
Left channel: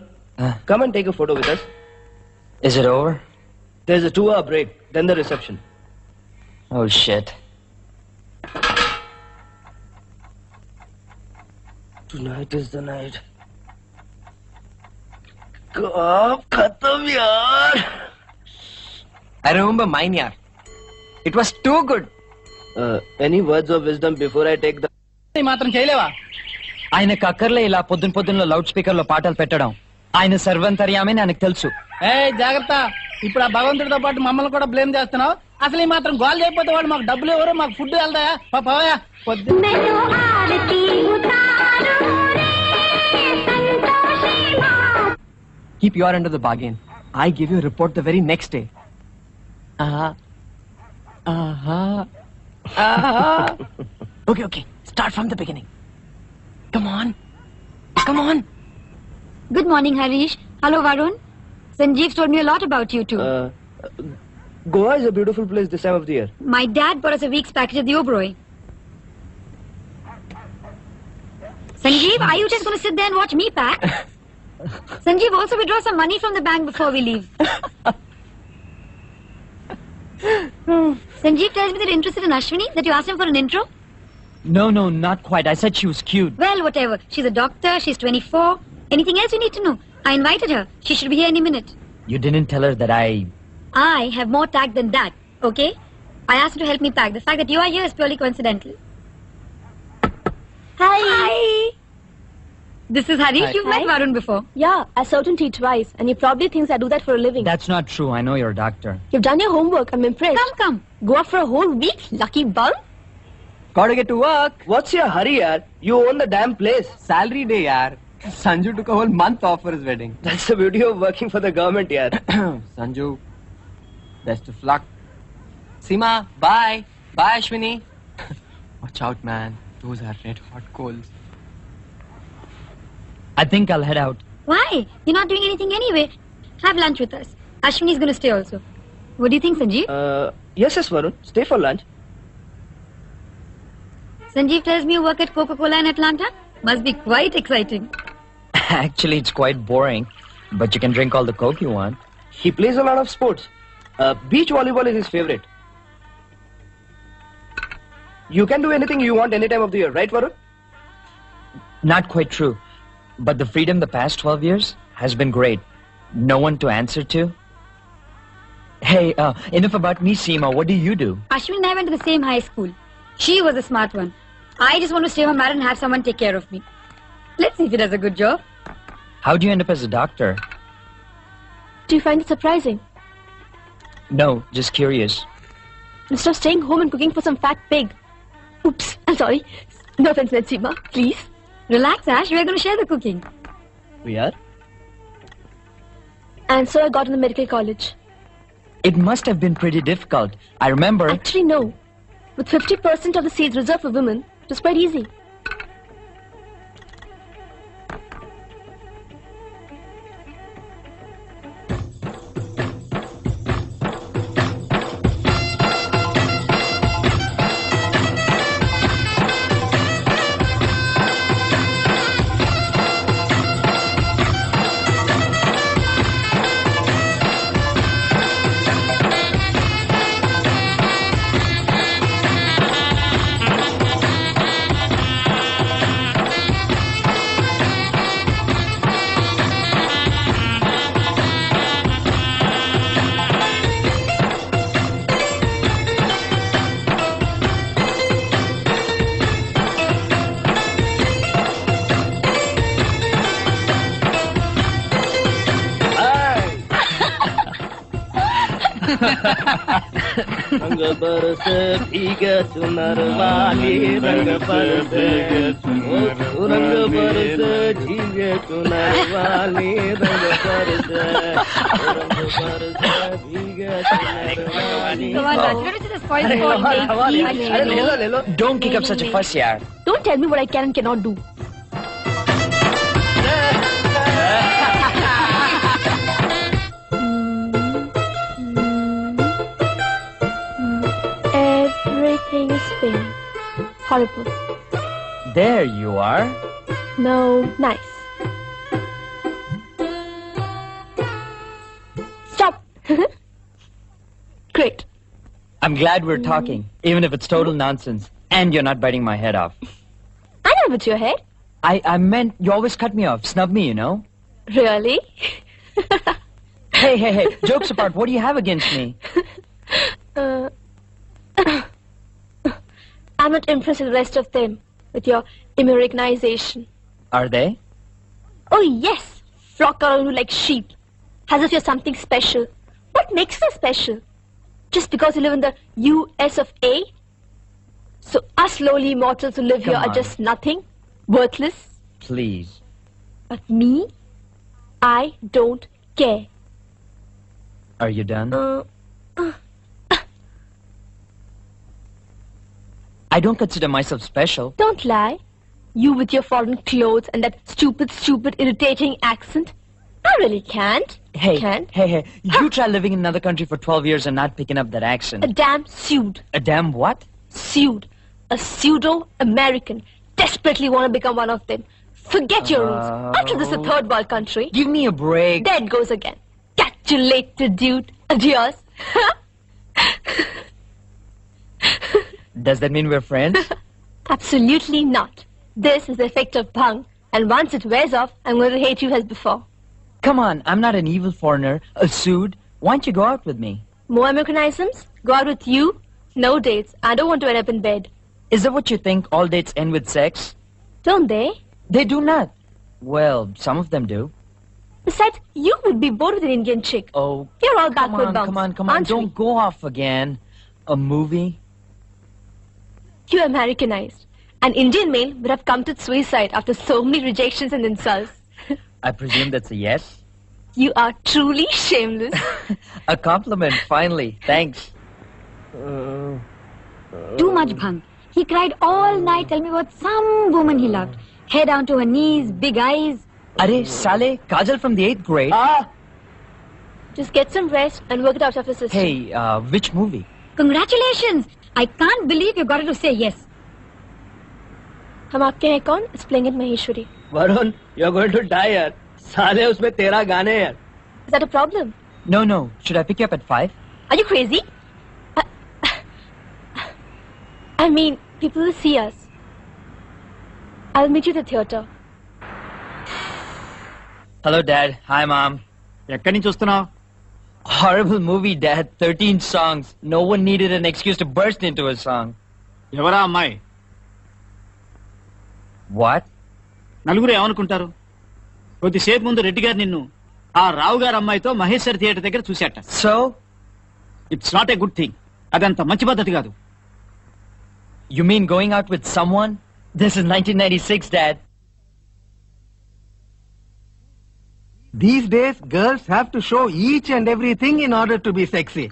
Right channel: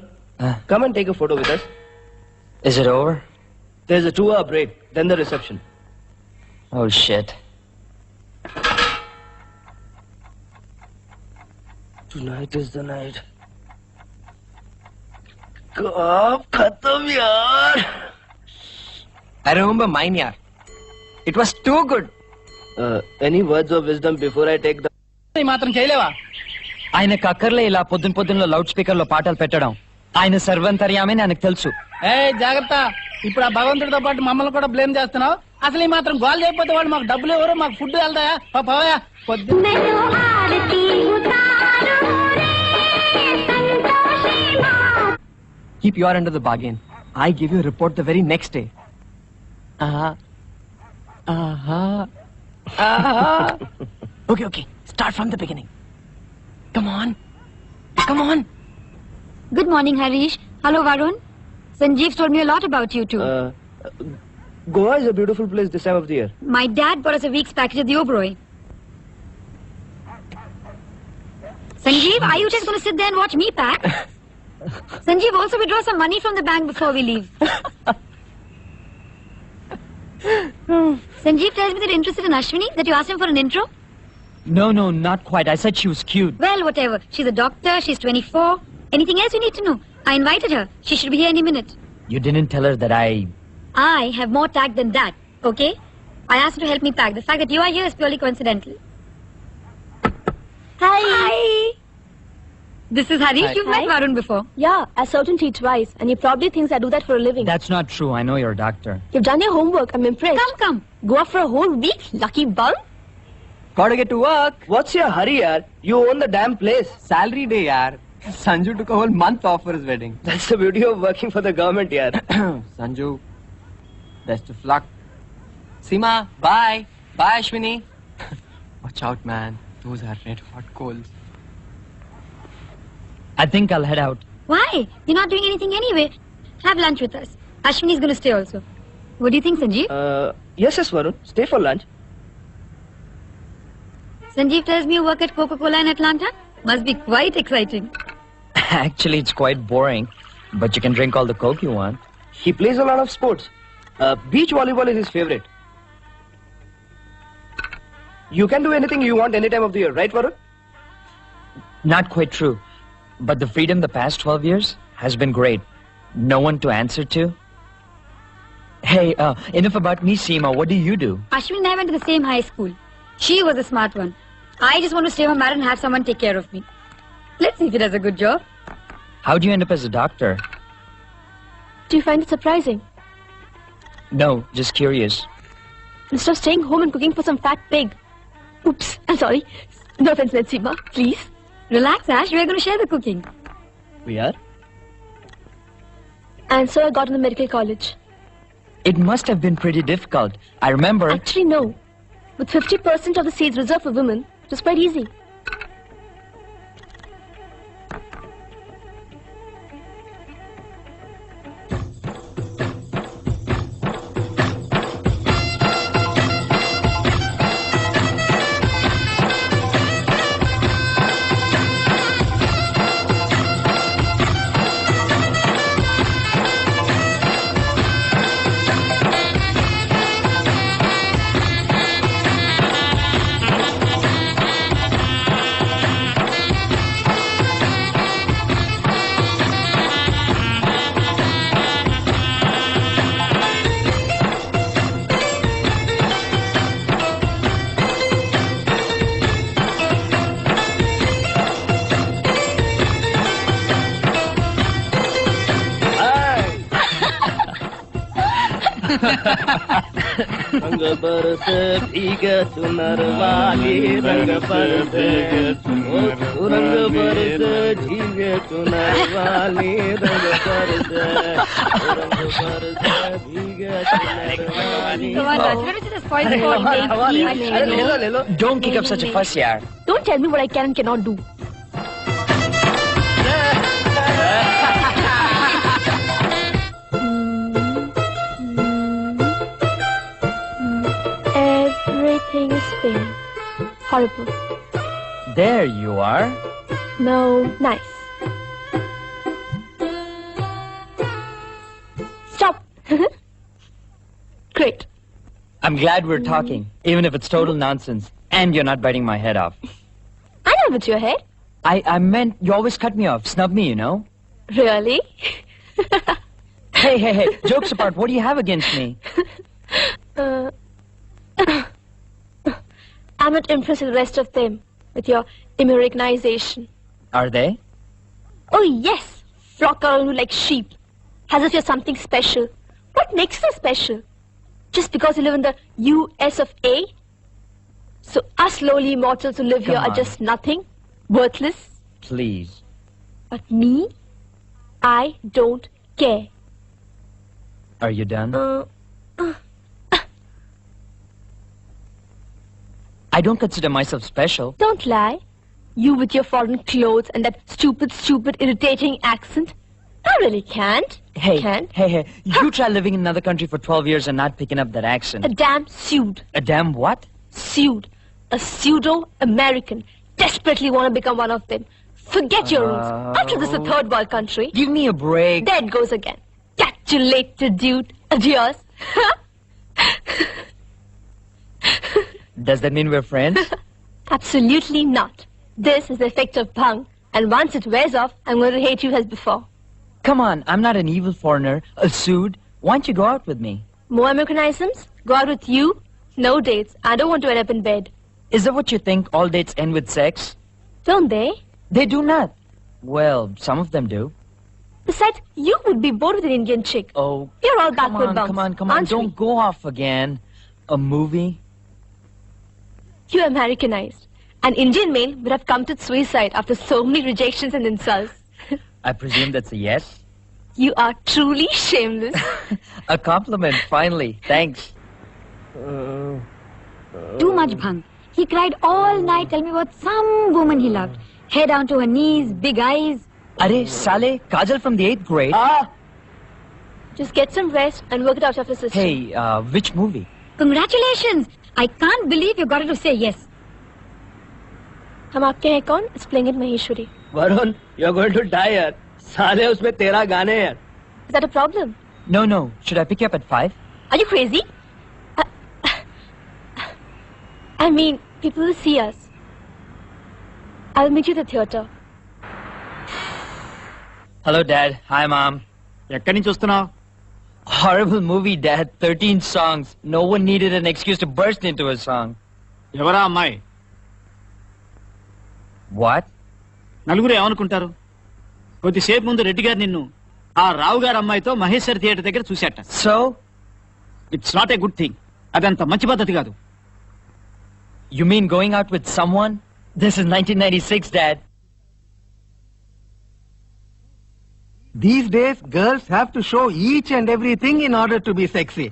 come and take a photo with us. Is it over? There's a 2-hour break, then the reception. Oh shit. Tonight is the night. Kaab khatam yaar. I remember mine, yaar. It was too good. Any words of wisdom before I take the... మాత్రం చేయలేవా? ఆయనకు అక్కర్లే ఇలా పొద్దున loud speaker లో పాటలు పెట్టడం. ఆయన సర్వంతర్యామని ఆయనకు తెలుసు. జాగ్రత్త, ఇప్పుడు ఆ భగవంతుడితో పాటు మమ్మల్ని కూడా బ్లేమ్ చేస్తున్నావు. అసలు ఈ మాత్రం గోల్ చేయకపోతే వాడు మాకు డబ్బులు ఎవరు, మాకు ఫుడ్ వెళ్తాయా? బావా Keep your end of the bargain. I give you a report the very next day. Okay. Start from the beginning. Come on. Good morning, Harish. Hello, Varun. Sanjeev told me a lot about you two. Goa is a beautiful place this time of the year. My dad bought us a week's package at the Oberoi. Sanjeev, are you just going to sit there and watch me pack? Sanjeev, also withdraw some money from the bank before we leave. Sanjeev tells me that you're interested in Ashwini, that you asked him for an intro. No, not quite. I said she was cute. Well, whatever. She's a doctor, she's 24. Anything else you need to know? I invited her. She should be here any minute. You didn't tell her that I have more tact than that, okay? I asked her to help me pack. The fact that you are here is purely coincidental. Hi! This is Harish. Hi. You've met Varun before. Yeah, I certainly twice, and he probably thinks I do that for a living. That's not true. I know you're a doctor. You've done your homework. I'm impressed. Come. Go out for a whole week? Lucky bum? Gotta get to work. What's your hurry, yaar? You own the damn place. Salary day, yaar. Sanju took a whole month off for his wedding. That's the beauty of working for the government, yaar. Sanju, best of luck. Seema, bye. Bye, Ashwini. Watch out, man. Those are red hot coals. I think I'll head out. Why? You're not doing anything anyway. Have lunch with us. Ashwini's going to stay also. What do you think, Sanjeev? Yes, Varun. Stay for lunch. Sanjeev tells me you work at Coca-Cola in Atlanta. Must be quite exciting. Actually, it's quite boring. But you can drink all the Coke you want. He plays a lot of sports. Beach volleyball is his favorite. You can do anything you want any time of the year, right, Varun? Not quite true. But the freedom the past 12 years has been great. No one to answer to. Hey, enough about me, Seema. What do you do? Ashwini and I went to the same high school. She was the smart one. I just want to stay home and have someone take care of me. Let's see if he does a good job. How do you end up as a doctor? Do you find it surprising? No, just curious. Instead of staying home and cooking for some fat pig. Oops, I'm sorry. No offense, Seema, please. Relax, Ash. We're going to share the cooking. We are? And so I got into medical college. It must have been pretty difficult. I remember... Actually, no. With 50% of the seats reserved for women, it was quite easy. Don't kick up such a fuss, yaar. Don't tell me what I can and cannot do. Everything is failing. Horrible. There you are. No, nice. Stop. Great. I'm glad we're talking, even if it's total nonsense. And you're not biting my head off. I know what's your hair. I meant you always cut me off, snub me, you know? Really? Hey, jokes apart, what do you have against me? I'm not impressed with the rest of them, with your Americanization. Are they? Oh yes, flock around you like sheep, as if you're something special. What makes you special? Just because you live in the US of A? So us lowly mortals who live Come here are on. just nothing, worthless. Please. But me, I don't care. Are you done? I don't consider myself special. Don't lie. You with your foreign clothes and that stupid, irritating accent. I really can't. Hey, Can't. hey, you try living in another country for 12 years and not picking up that accent. A damn pseudo. A damn what? Pseudo. A pseudo-American. Desperately want to become one of them. Forget your roots. After this, a third world country. Give me a break. There it goes again. Catch you later, dude. Adios. Does that mean we're friends? Absolutely not. This is the effect of bhang, and once it wears off, I'm going to hate you as before. Come on, I'm not an evil foreigner, a Sood. Why don't you go out with me? More Americanisms? Go out with you? No dates. I don't want to end up in bed. Is that what you think all dates end with sex? Don't they? They do not. Well, some of them do. Besides, you would be bored with an Indian chick. Oh, You're all come backward on, bounce. come on. Don't go off again. A movie? You're Americanized. An Indian male would have committed suicide after so many rejections and insults. I presume that's a yes? You are truly shameless. A compliment, finally. Thanks. Too much bhang. He cried all night, tell me about some woman he loved. Hair down to her knees, big eyes. Are Saleh, Kajal from the 8th grade. Just get some rest and work it out of the system. Hey, which movie? Congratulations! I can't believe you got her to say yes. हम आपके हैं कौन? It's playing at Maheshwari. Varun, you're going to die, yaar. Saleh, usme tera gaane hai. Is that a problem? No. Should I pick you up at 5? Are you crazy? I mean, people will see us. I'll meet you at the theatre. Hello, Dad. Hi, Mom. ఎక్కడి నుంచి వస్తున్నావు? Horrible movie, Dad. 13 songs. No one needed an excuse to burst into a song. ఎవరా అమ్మాయి? What? నలుగురు ఏమనుకుంటారు? కొద్దిసేపు ముందు రెడ్డి గారు నిన్ను ఆ రావు గారు అమ్మాయితో మహేశ్వర్ థియేటర్ దగ్గర చూశాట. So? It's not a good thing. అదంత మంచి పద్ధతి కాదు. You mean going out with someone? This is 1996, Dad. These days, girls have to show each and everything in order to be sexy.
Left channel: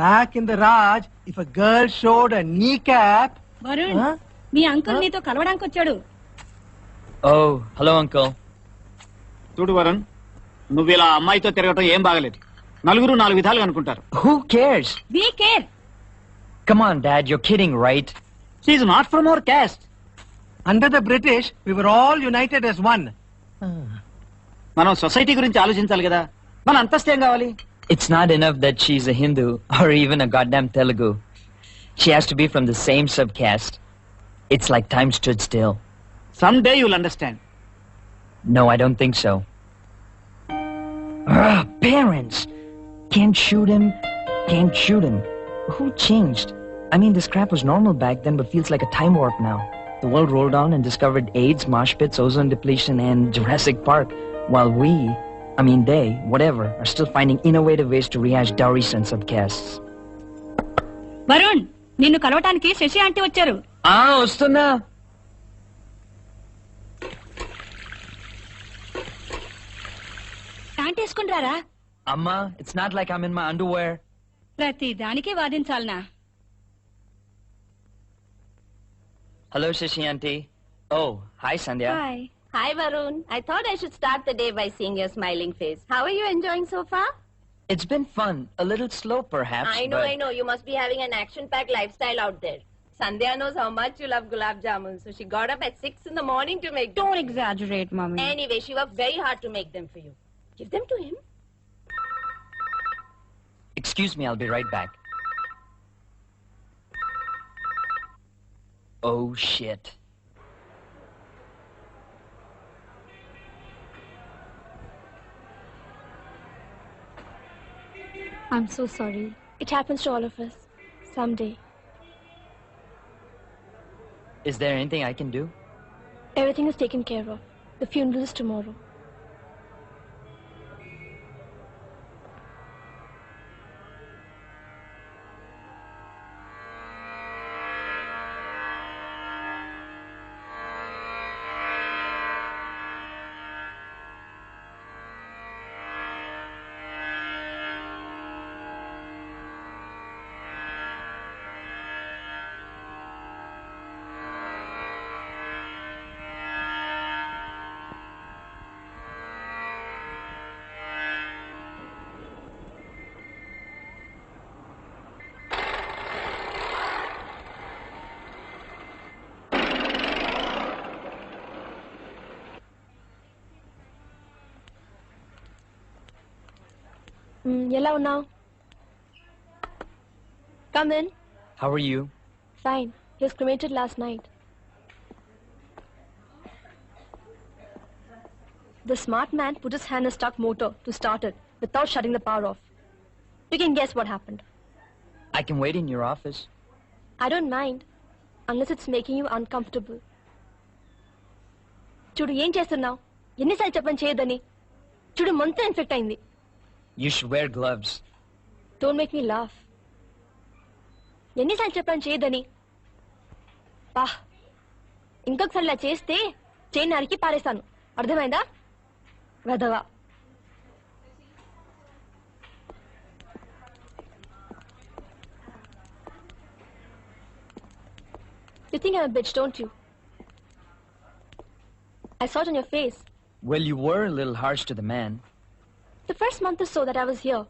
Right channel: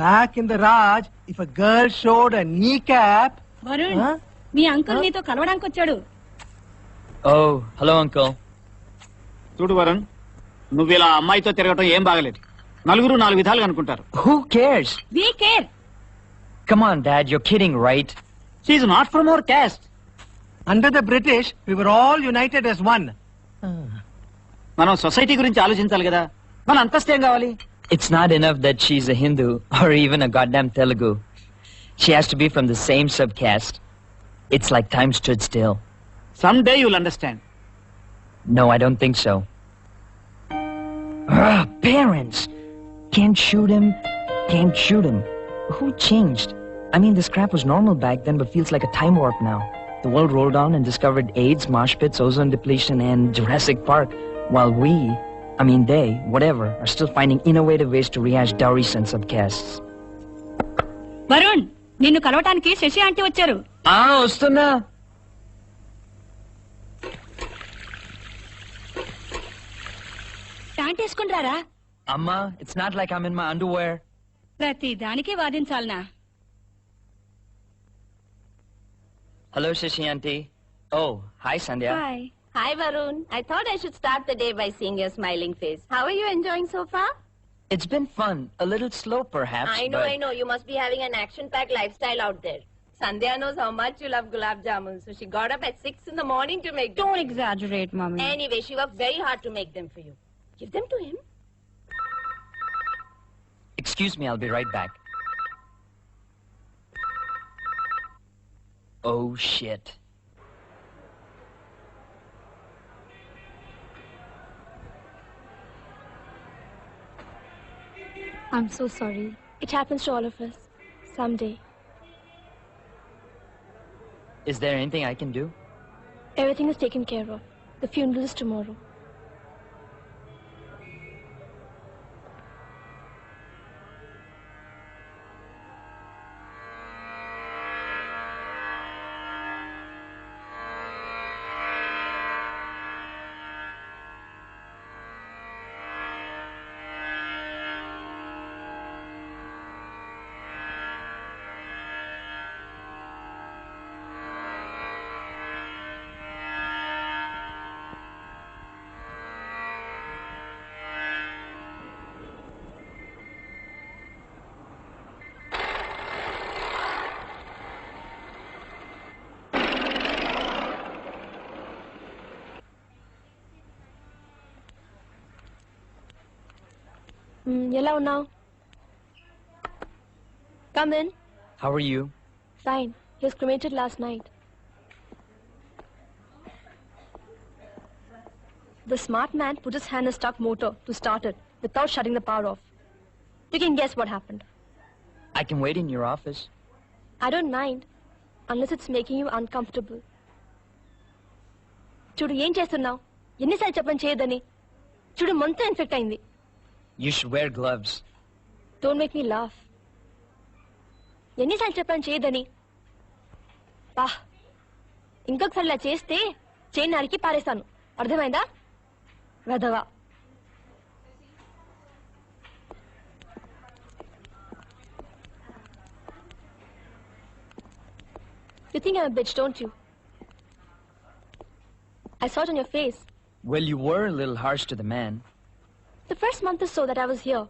Back in the Raj, if a girl showed a kneecap... Varun me uncle నీతో కలవడానికి వచ్చాడు. Oh, hello, Uncle. చూడు వరుణ్, నువ్వు ఇలా అమ్మాయితో తిరగటం ఏం బాగలేదు. నలుగురు నాలుగు విధాలుగా అనుకుంటారు. Who cares? Be care. Come on, Dad. You're kidding, right? She is not from our caste. Under the British, we were all united as one. మనం సొసైటీ గురించి ఆలోచించాలి కదా. మన అంతస్తేం కావాలి? It's not enough that she's a Hindu or even a goddamn Telugu. She has to be from the same subcaste. It's like time stood still. Someday you'll understand. No, I don't think so. Parents! Can't shoot him. Who changed? I mean, this crap was normal back then, but feels like a time warp now. The world rolled on and discovered AIDS, mosh pits, ozone depletion, and Jurassic Park, while they, whatever, are still finding innovative ways to rehash dowry and subcastes. Varun నిన్ను కలవటానికి Shashi aunty వచ్చారు. వస్తున్నా. Pant వేసుకుంటారా? Amma, it's not like I'm in my underwear. ప్రతి దానికి వాదించాలనా? Hello, Shashi Auntie. Oh, hi, Sandhya. Hi. Hi, Varun. I thought I should start the day by seeing your smiling face. How are you enjoying so far? It's been fun. A little slow, perhaps. I know. You must be having an action-packed lifestyle out there. Sandhya knows how much you love gulab jamun, so she got up at 6 in the morning to make them. Don't exaggerate, Mummy. Anyway, she worked very hard to make them for you. Give them to him. Excuse me, I'll be right back. Oh, shit. I'm so sorry. It happens to all of us. Someday. Is there anything I can do? Everything is taken care of. The funeral is tomorrow. Hello now. Come in. How are you? Fine. He was cremated last night. The smart man put his hand in a stuck motor to start it without shutting the power off. You can guess what happened. I can wait in your office. I don't mind, unless it's making you uncomfortable. చూడు ఏం చేస్తున్నావు ఎన్నిసార్లు చెప్పని చేయదని చూడు మొత్తం infect అయింది You should wear gloves. Don't make me laugh. ఎన్నిసార్లు చెప్పని చేయదని పా ఇంకొకసారి ఇలా చేస్తే చేయి నరికి పారేస్తాను అర్థమైందా వెదవా You think I'm a bitch, don't you? I saw it on your face. Well, you were a little harsh to the man. The first month or so that I was here,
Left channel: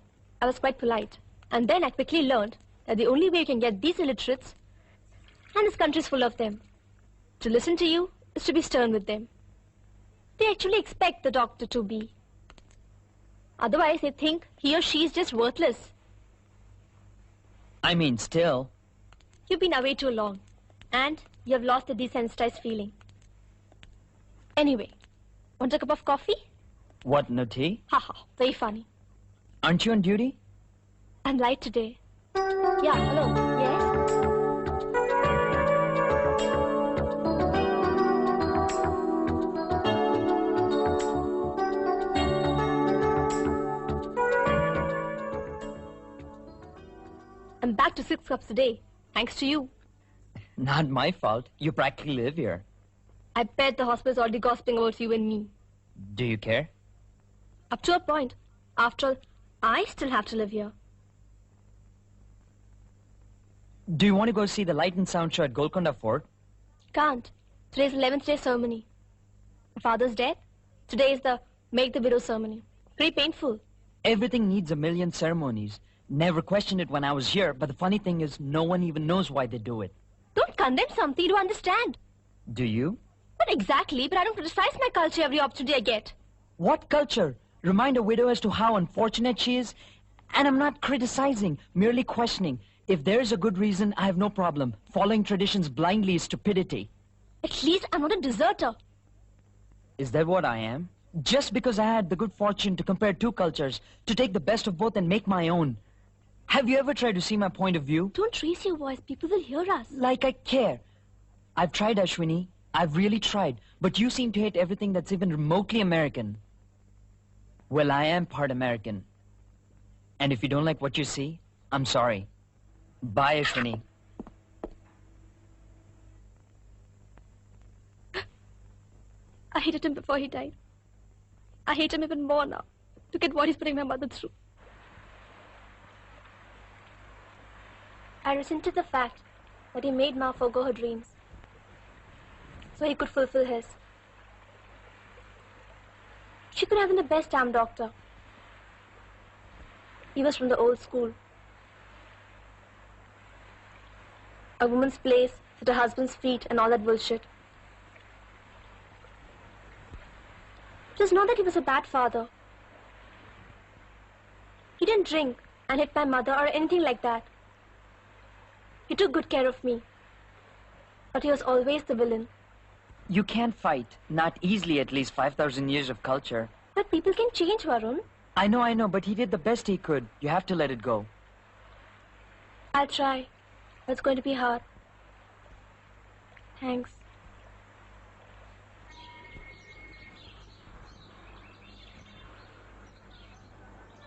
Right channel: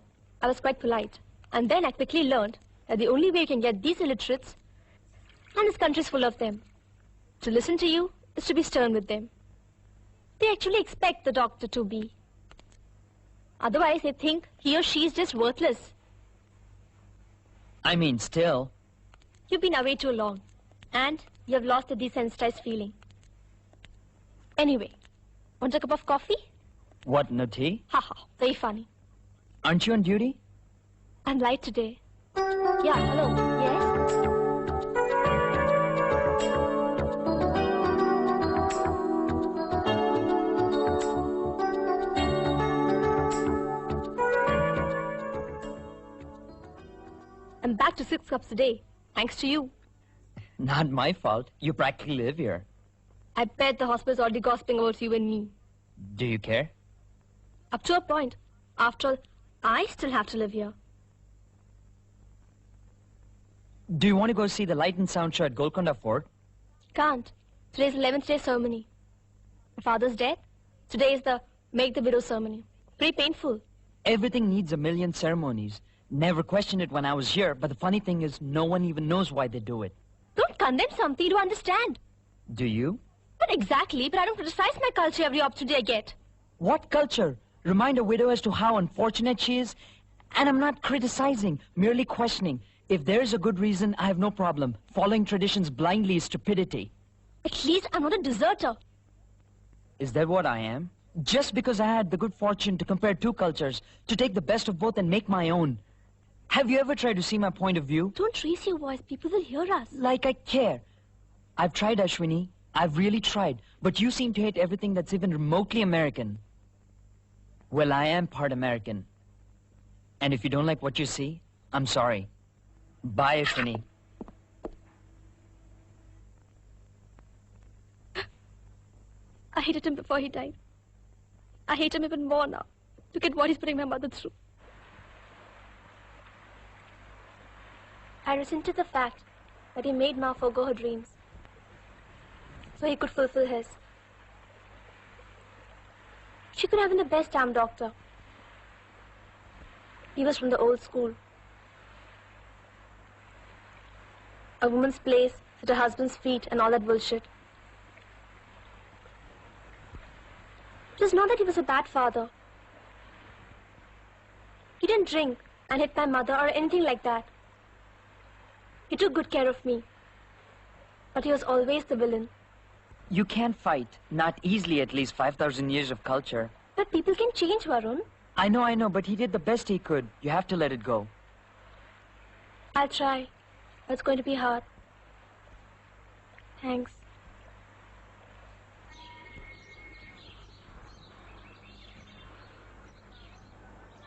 I was quite polite. And then I quickly learned that the only way you can get these illiterates, and this country is full of them, to listen to you is to be stern with them. They actually expect the doctor to be. Otherwise, they think he or she is just worthless. I mean, still. You've been away too long, and you have lost the desensitized feeling. Anyway, want a cup of coffee? What, no tea? Haha, very funny. Aren't you on duty? I'm light today. Yeah, hello. Yes? I'm back to 6 cups a day, thanks to you. Not my fault. You practically live here. I bet the hospital's already gossiping about you and me. Do you care? Up to a point. After all, I still have to live here. Do you want to go see the Light and Sound show at Golconda Fort? Can't. Today's 11th day ceremony. My father's dead. Today is the Make the Widow ceremony. Pretty painful. Everything needs a million ceremonies. Never questioned it when I was here, but the funny thing is no one even knows why they do it. Don't condemn something you don't understand. Do you? Not exactly, but I don't criticize my culture every opportunity I get. What culture? Remind a widow as to how unfortunate she is? And I'm not criticizing, merely questioning. If there is a good reason, I have no problem. Following traditions blindly is stupidity. At least I'm not a deserter. Is that what I am? Just because I had the good fortune to compare two cultures, to take the best of both and make my own. Have you ever tried to see my point of view? Don't raise your voice. People will hear us. Like I care. I've tried, Ashwini. I've really tried. But you seem to hate everything that's even remotely American. Well, I am part American. And if you don't like what you see, I'm sorry. Bye, Ashwini. I hated him before he died. I hate him even more now. Look at what he's putting my mother through. I resented the fact that he made Ma forgo her dreams so he could fulfill his. She could have been the best damn doctor. He was from the old school. A woman's place at her husband's feet and all that bullshit. It was not that he was a bad father. He didn't drink and hit my mother or anything like that. He took good care of me. But he was always the villain. You can't fight. Not easily, at least 5,000 years of culture. But people can change, Varun. I know, but he did the best he could. You have to let it go. I'll try. But it's going to be hard. Thanks.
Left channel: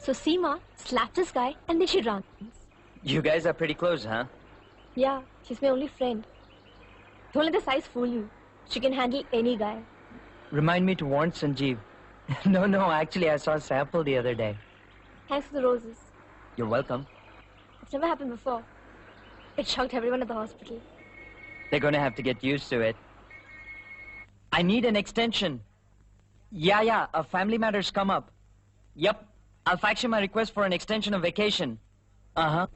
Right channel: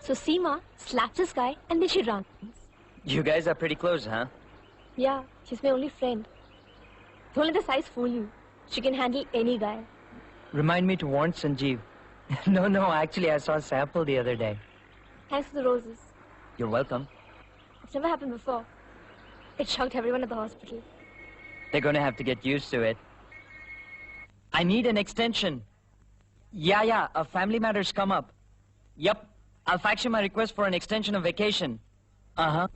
So Seema slapped this guy and then she ran. You guys are pretty close, huh? Yeah, she's my only friend. Don't let the size fool you. She can handle any guy. Remind me to warn Sanjeev. No, actually I saw a sample the other day. Thanks for the roses. You're welcome. It's never happened before. It shocked everyone at the hospital. They're gonna have to get used to it. I need an extension. Yeah, a family matter's come up. Yep, I'll fax you my request for an extension of vacation. Uh-huh.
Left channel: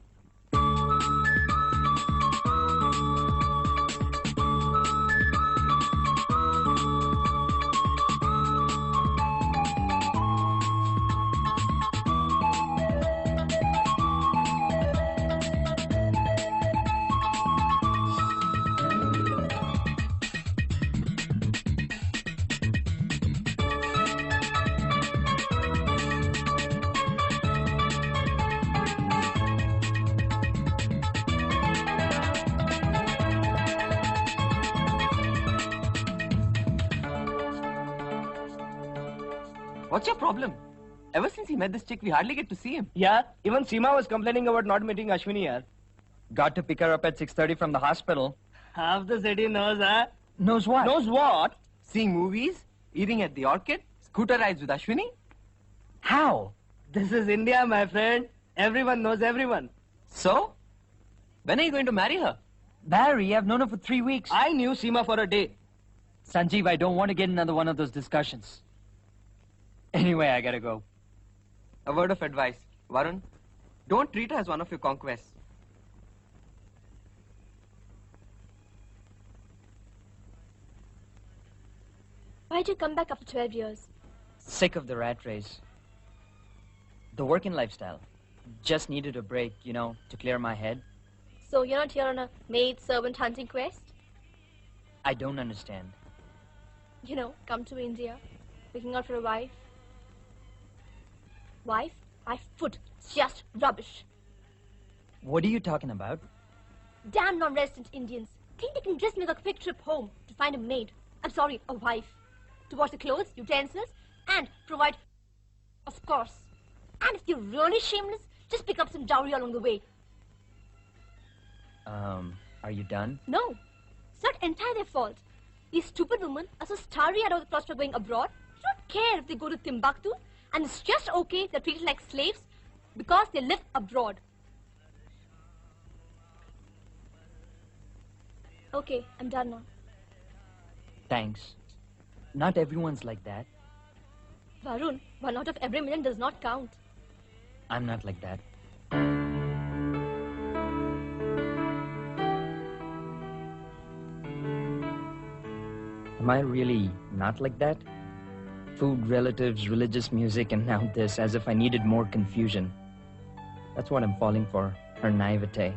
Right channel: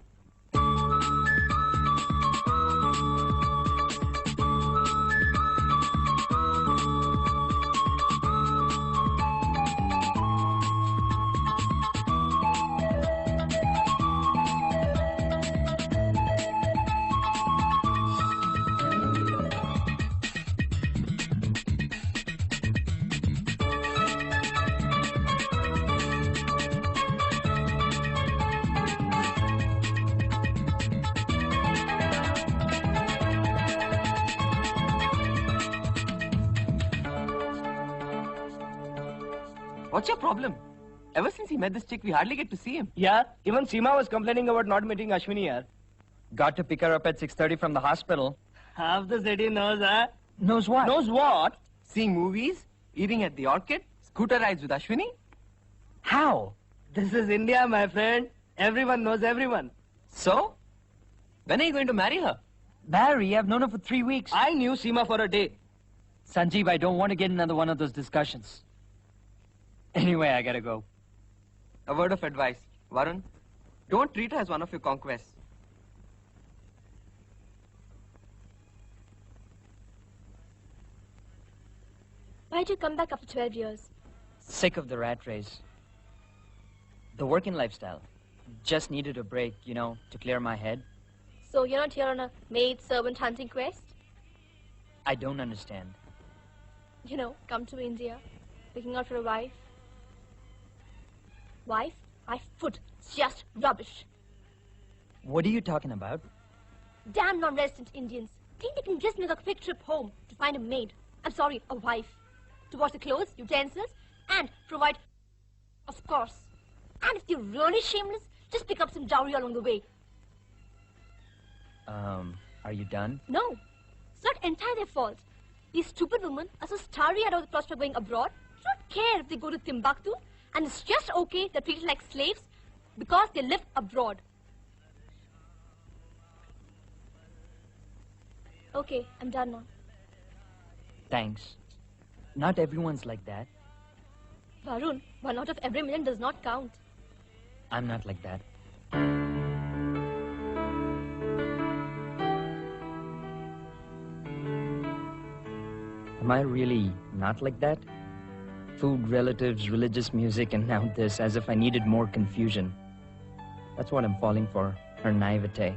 What's your problem? Ever since he met this chick, we hardly get to see him. Yeah, even Seema was complaining about not meeting Ashwini, yaar. Got to pick her up at 6:30 from the hospital. Half the city knows, huh? Knows what? Knows what? Seeing movies, eating at the Orchid, scooter rides with Ashwini. How? This is India, my friend. Everyone knows everyone. So? When are you going to marry her? Barry, I've known her for 3 weeks. I knew Seema for a day. Sanjeev, I don't want to get another one of those discussions. Anyway, I gotta go. A word of advice. Varun, don't treat her as one of your conquests. Why'd you come back after 12 years? Sick of the rat race. The working lifestyle. Just needed a break, to clear my head. So you're not here on a maid-servant hunting quest? I don't understand. Come to India, looking out for a wife. Wife? My foot. Just rubbish. What are you talking about? Damn non-resident Indians. Think they can dress me like a quick trip home to find a maid. I'm sorry, a wife. To wash the clothes, utensils, and provide, of course. And if you're really shameless, just pick up some dowry along the way. Are you done? No. It's not entirely their fault. These stupid women are so starry-eyed about the prospect of going abroad. They don't care if they go to Timbuktu, and it's just okay if they're treated like slaves because they live abroad. Okay, I'm done now. Thanks. Not everyone's like that. Varun, 1 out of every million does not count. I'm not like that. Am I really not like that? Food, relatives, religious music, and now this, as if I needed more confusion. That's what I'm falling for, her naivete.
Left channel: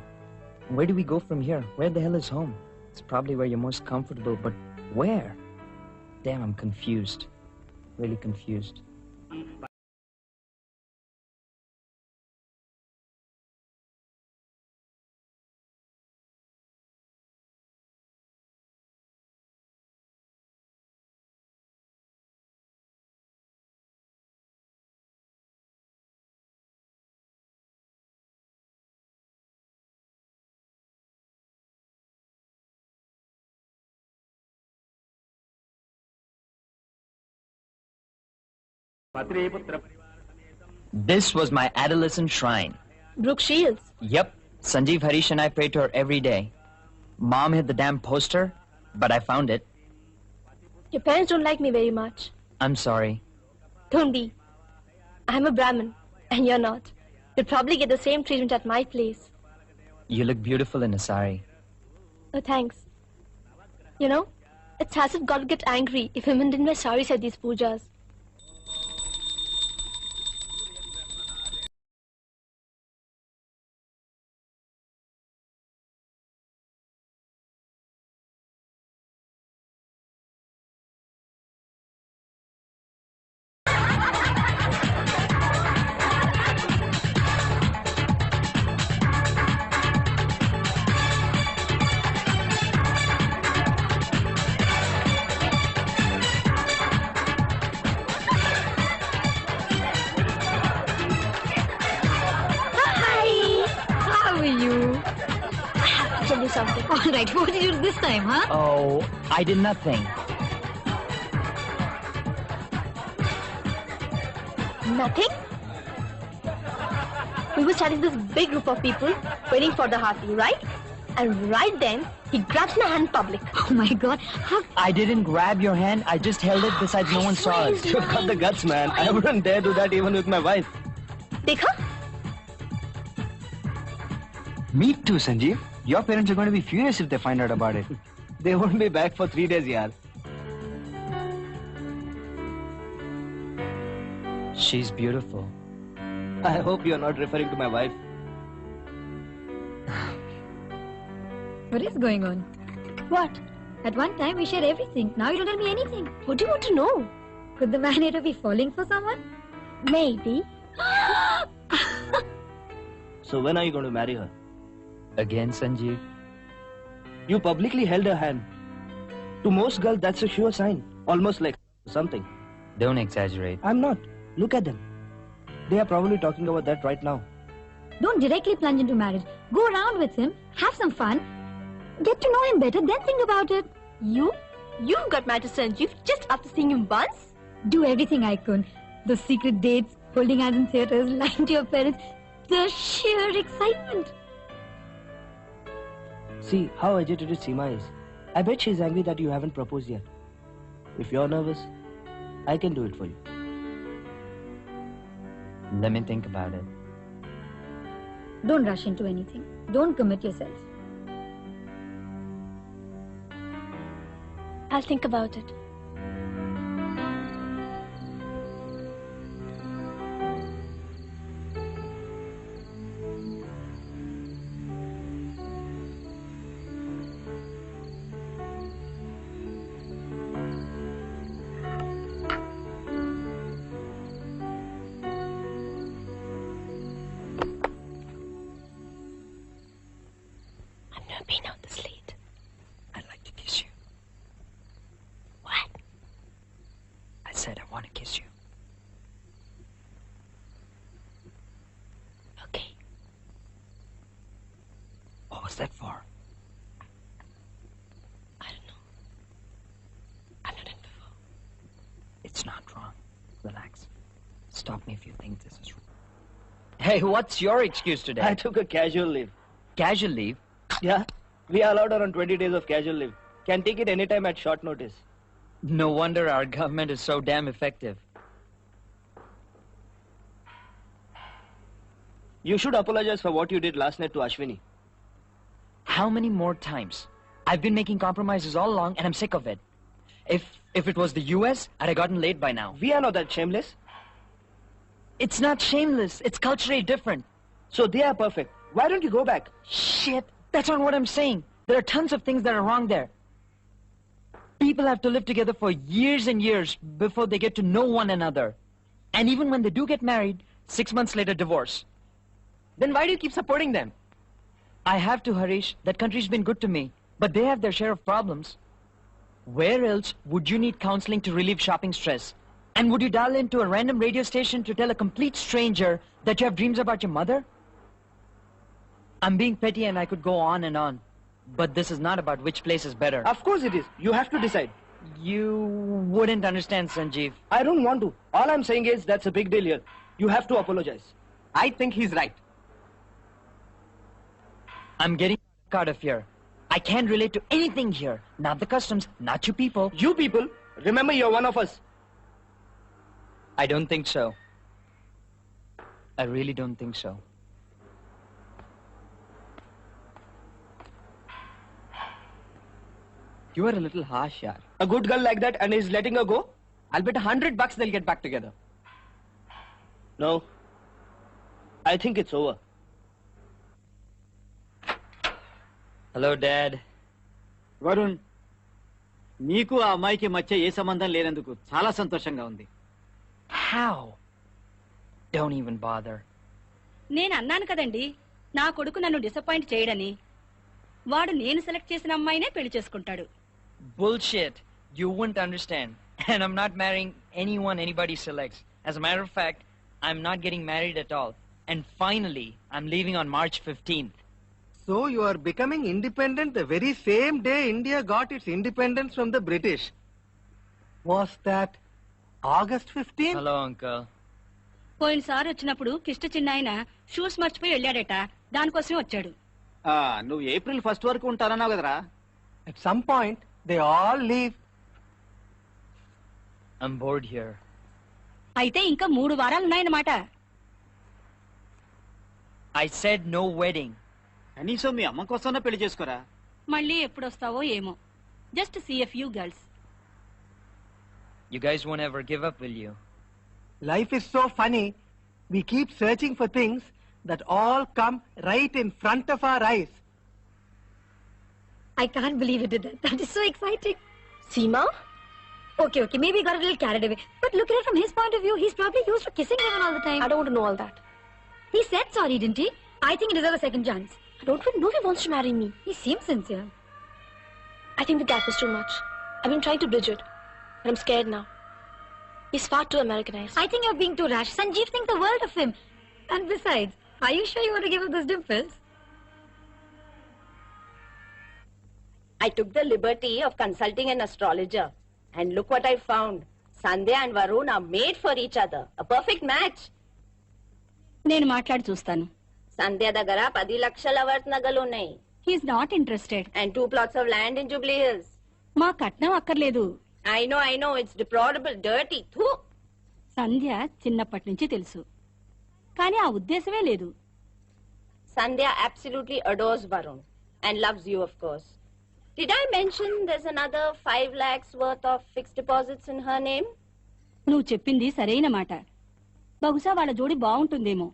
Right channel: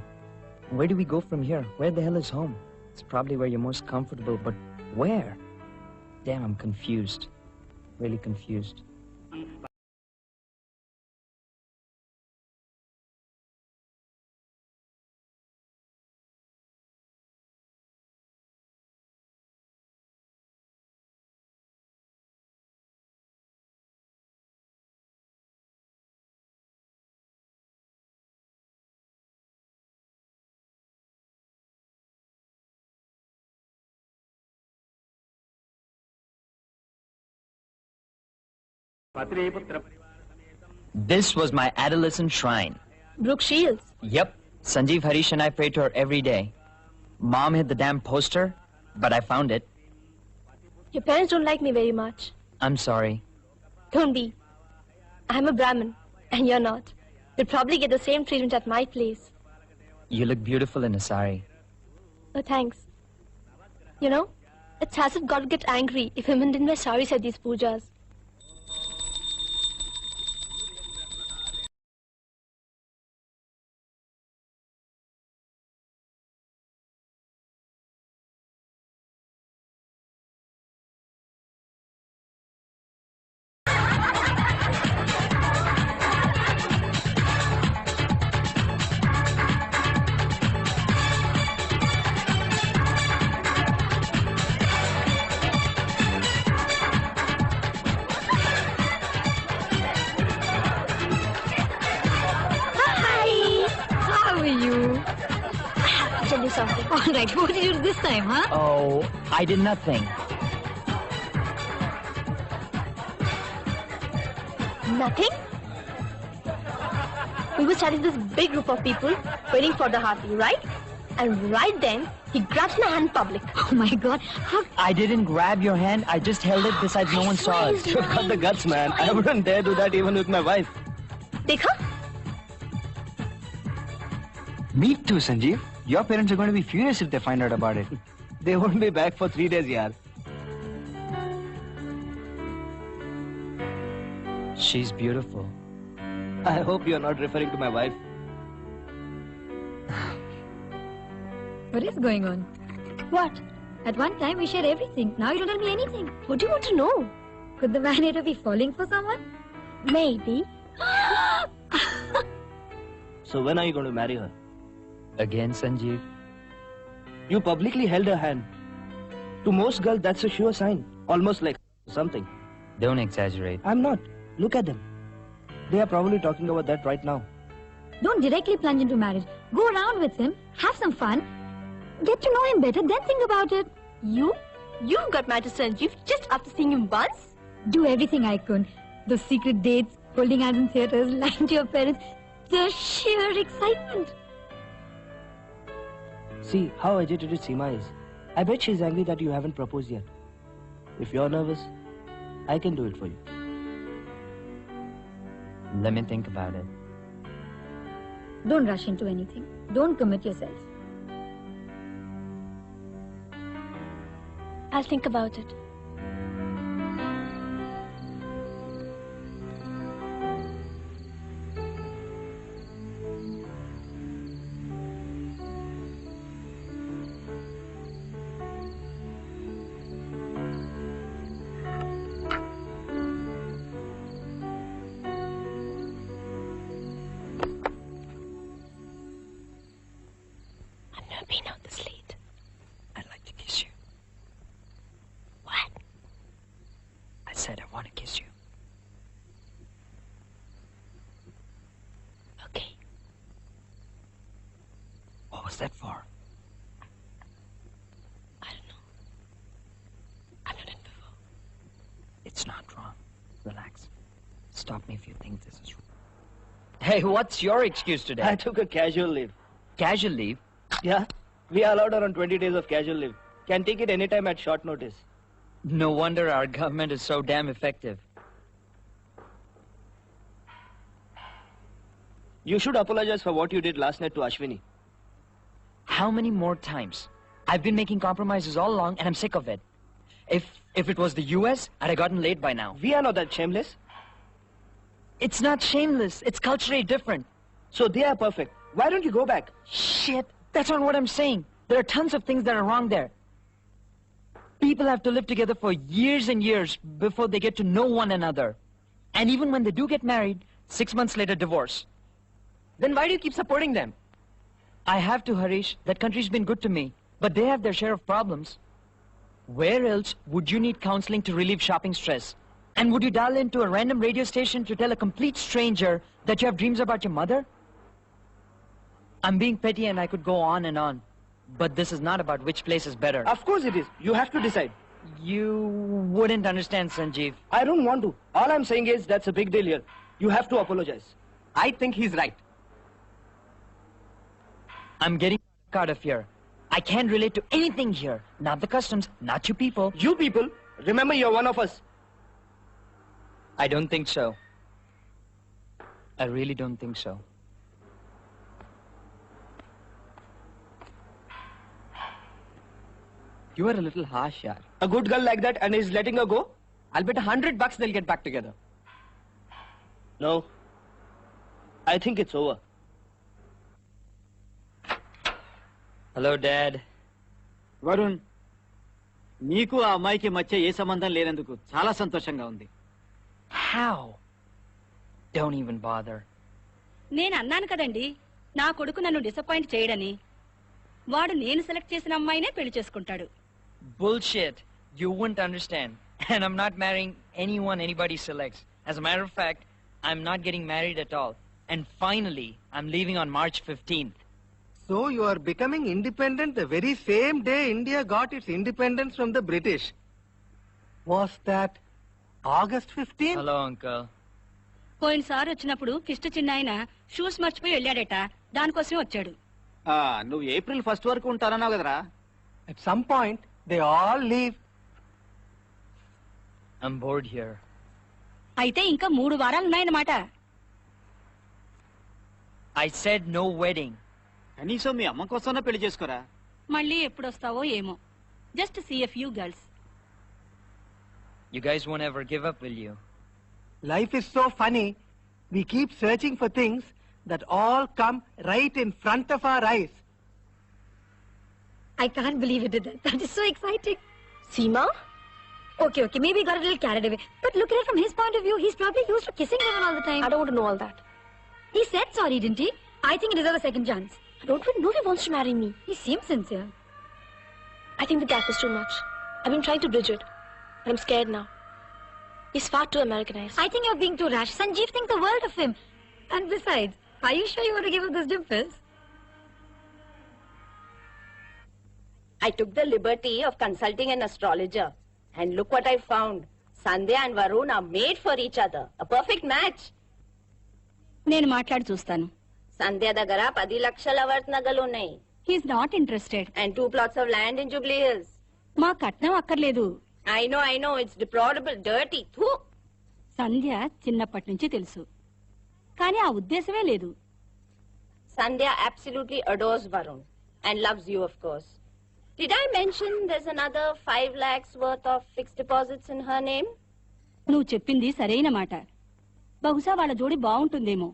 Where do we go from here? Where the hell is home? It's probably where you're most comfortable, but where? Damn, I'm confused. Really confused. This was my adolescent shrine. Brooke Shields. Yep. Sanjeev, Harish and I pray to her every day. Mom hid the damn poster, but I found it. Your parents don't like me very much. I'm sorry. Don't be. I'm a Brahmin, and you're not. You'll probably get the same treatment at my place. You look beautiful in a sari. Oh, thanks. You know, it's as if God would get angry if women didn't wear saris at these pujas. Something. All right, what did you do this time, huh? Oh, I did nothing. Nothing? We were standing this big group of people waiting for the Harthi, right? And right then, he grabs my hand in public. Oh my God, how? I didn't grab your hand. I just held it beside no one saw us. You've got the guts, man. I wouldn't dare do that even with my wife. Dekha? Me too, Sanjeev. Your parents are going to be furious if they find out about it. They won't be back for 3 days, yaar. She's beautiful. I hope you're not referring to my wife. What is going on? What? At one time we shared everything. Now you don't tell me anything. What do you want to know? Could the man either be falling for someone? Maybe. So when are you going to marry her? Again, Sanjeev? You publicly held her hand. To most girls, that's a sure sign. Almost like something. Don't exaggerate. I'm not. Look at them. They are probably talking about that right now. Don't directly plunge into marriage. Go around with him, have some fun, get to know him better, then think about it. You got married to Sanjeev just after seeing him once? Do everything I could. The secret dates, holding hands in theaters, lying to your parents, the sheer excitement. See how agitated Seema is. I bet she's angry that you haven't proposed yet. If you're nervous, I can do it for you. Let me think about it. Don't rush into anything. Don't commit yourself. I'll think about it. Been out this late. I'd like to kiss you. What? I said I want to kiss you. Okay. What was that for? I don't know. I've done it before. It's not wrong. Relax. Stop me if you think this is wrong. Hey, what's your excuse today? I took a casual leave. Casual leave? Yeah. We are allowed around 20 days of casual leave. Can take it anytime at short notice. No wonder our government is so damn effective. You should apologize for what you did last night to Ashwini. How many more times? I've been making compromises all along and I'm sick of it. If it was the US, I'd have gotten laid by now. We are not that shameless. It's not shameless. It's culturally different. So they are perfect. Why don't you go back? Shit. That's not what I'm saying. There are tons of things that are wrong there. People have to live together for years and years before they get to know one another. And even when they do get married, 6 months later, divorce. Then why do you keep supporting them? I have to, Harish. That country's been good to me. But they have their share of problems. Where else would you need counseling to relieve shopping stress? And would you dial into a random radio station to tell a complete stranger that you have dreams about your mother? I'm being petty and I could go on and on. But this is not about which place is better. Of course it is. You have to decide. You wouldn't understand, Sanjeev. I don't want to. All I'm saying is that's a big deal here. You have to apologize. I think he's right. I'm getting out of here. I can't relate to anything here. Not the customs, not you people. You people, remember you're one of us. I don't think so. I really don't think so. You are a little harsh, yaar. A good girl like that and is letting her go? I'll bet $100 they'll get back together. No. I think it's over. Hello, Dad. Varun, నీకు ఆ అమ్మాయికి మధ్య ఏ సంబంధం లేనందుకు చాలా సంతోషంగా ఉంది. How? Don't even bother. నేను అన్నాను కదండి నా కొడుకు నన్ను డిసప్పాయింట్ చేయడని. వాడు నేను సెలెక్ట్ చేసిన అమ్మాయినే పెళ్లి చేసుకుంటాడు. Bullshit. You wouldn't understand. And I'm not marrying anyone anybody selects. As a matter of fact, I'm not getting married at all. And finally, I'm leaving on March 15th. So you are becoming independent the very same day India got its independence from the British. Was that August 15th? Hello, Uncle. పోయినసారి వచ్చినప్పుడు కిష్ట చిన్నాయన shoes మర్చిపోయి వెళ్ళాడట. దానికోసం వచ్చాడు. నువ్వు April 1st వరకు ఉంటారన్నావు కదరా? At some point, they all leave. I'm bored here. అయితే ఇంకా 3 వారాలు ఉన్నాయన్నమాట. I said no wedding. కనీసం మీ అమ్మ కోసమే పెళ్లి చేసుకోరా? మళ్ళీ ఎప్పుడు వస్తావో ఏమో. Just see a few girls. You guys won't ever give up, will you? Life is so funny. We keep searching for things that all come right in front of our eyes. I can't believe you did that. That is so exciting. Seema? Okay, maybe he got a little carried away. But look at it from his point of view. He's probably used to kissing everyone all the time. I don't want to know all that. He said sorry, didn't he? I think he deserves a second chance. I don't even know if he wants to marry me. He seems sincere. I think the gap is too much. I've been trying to bridge it. But I'm scared now. He's far too Americanized. I think you're being too rash. Sanjeev thinks the world of him. And besides, are you sure you want to give up those dimples? I took the liberty of consulting an astrologer. And look what I found. Sandhya and Varun are made for each other. A perfect match. నేను మాట్లాడి చూస్తాను. Sandhya దగ్గర 10 లక్షల worth నగలు ఉన్నాయి. He's not interested. And 2 plots of land in Jubilee Hills. మా కట్నం అక్కర్లేదు. I know. It's deplorable, dirty. Thoo. సంధ్య చిన్నప్పటి నుంచి తెలుసు. కానీ ఆ ఉద్దేశమే లేదు. Sandhya absolutely adores Varun. And loves you, of course. Did I mention there's another 5 lakhs worth of fixed deposits in her name? నువ్వు చెప్పింది సరైన మాట. బహుశా వాళ్ళ జోడి బాగుంటుందేమో.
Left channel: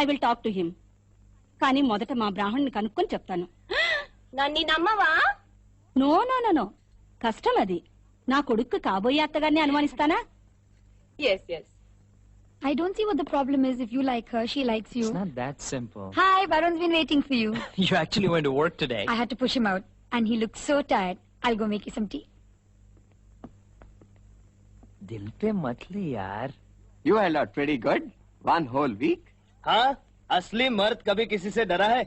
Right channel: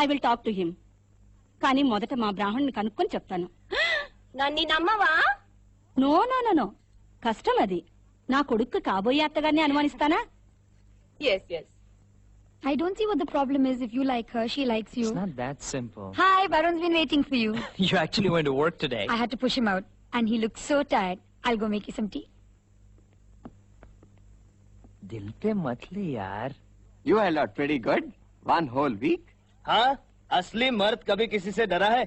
I will talk to him. కానీ మొదట మా బ్రాహ్మణ్ని కనుక్కొని చెప్తాను. నన్ను నమ్మవా? నో. కష్టం అది. నా కొడుకు కాబోయే అత్తగారిని అనుమానిస్తానా? Yes. I don't see what the problem is. If you like her, she likes you. It's not that simple. Hi, Varun's been waiting for you. You actually went to work today. I had to push him out. And he looked so tired. I'll go make you some tea. Dil pe mat le, yaar. You are not pretty good. 1 whole week. हाँ, असली मर्द कभी किसी से डरा है?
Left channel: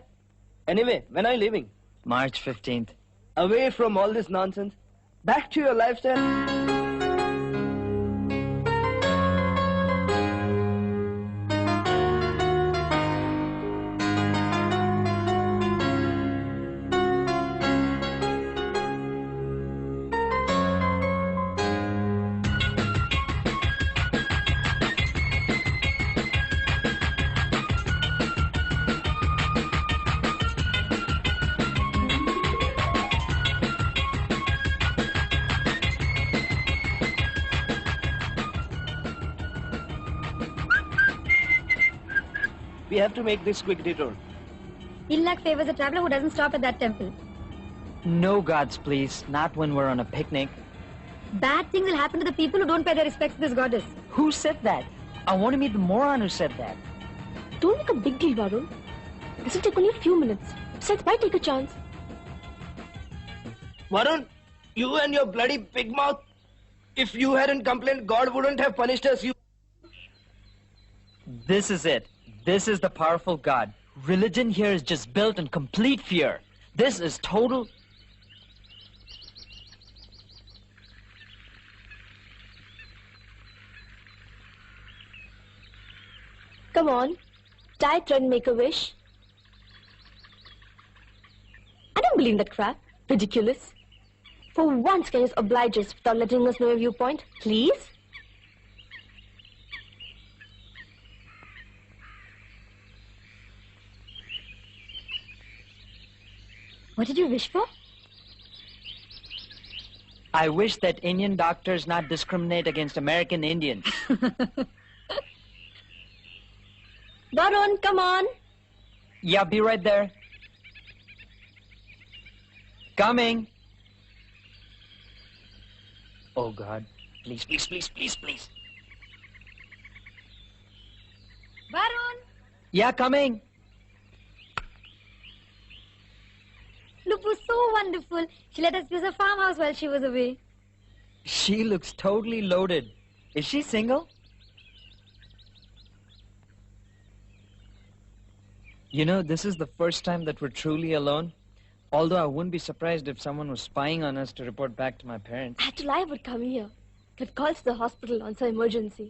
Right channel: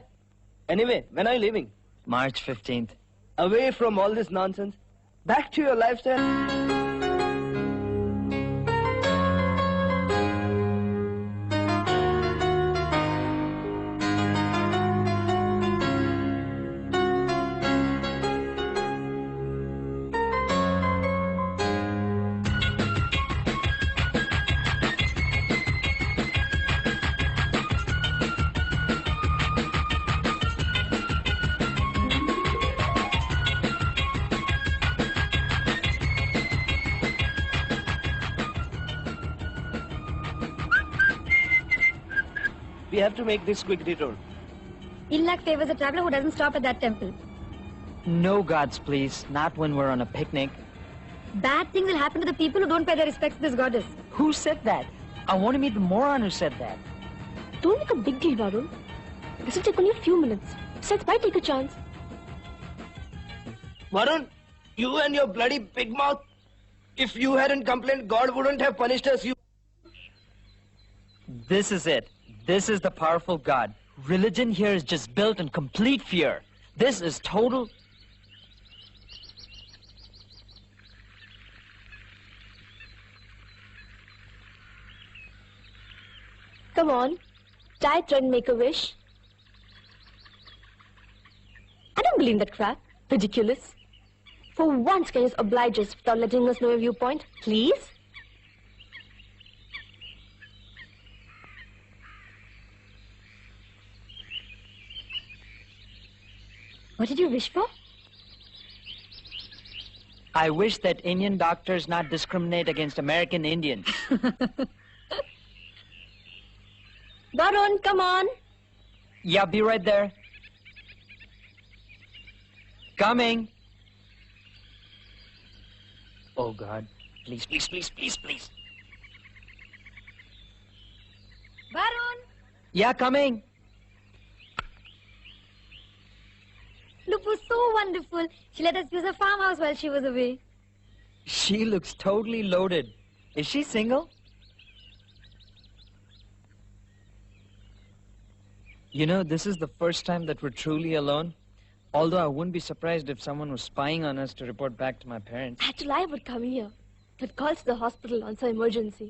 Anyway, when are you leaving? March 15th. Away from all this nonsense. Back to your lifestyle. We have to make this quick detour. Ilak favors a traveler who doesn't stop at that temple. No gods, please. Not when we're on a picnic. Bad things will happen to the people who don't pay their respects to this goddess. Who said that? I want to meet the moron who said that. Don't make a big deal, Varun. This will take only a few minutes. Besides, why take a chance? Varun, you and your bloody pig mouth. If you hadn't complained, God wouldn't have punished us. This is it. This is the powerful God. Religion here is just built in complete fear. This is total... Come on. Tie a thread and make a wish. I don't believe that crap. Ridiculous. For once, can you just oblige us without letting us know your viewpoint? Please? What did you wish for? I wish that Indian doctors not discriminate against American Indians. Varun, come on. Yeah, be right there. Coming. Oh God. Please, please, please, please, please. Varun. Yeah, coming. Look, was so wonderful. She let us use her farmhouse while she was away. She looks totally loaded. Is she single? You know, this is the first time that we're truly alone. Although I wouldn't be surprised if someone was spying on us to report back to my parents. I had to lie, I would come here. Give calls to the hospital on some emergency.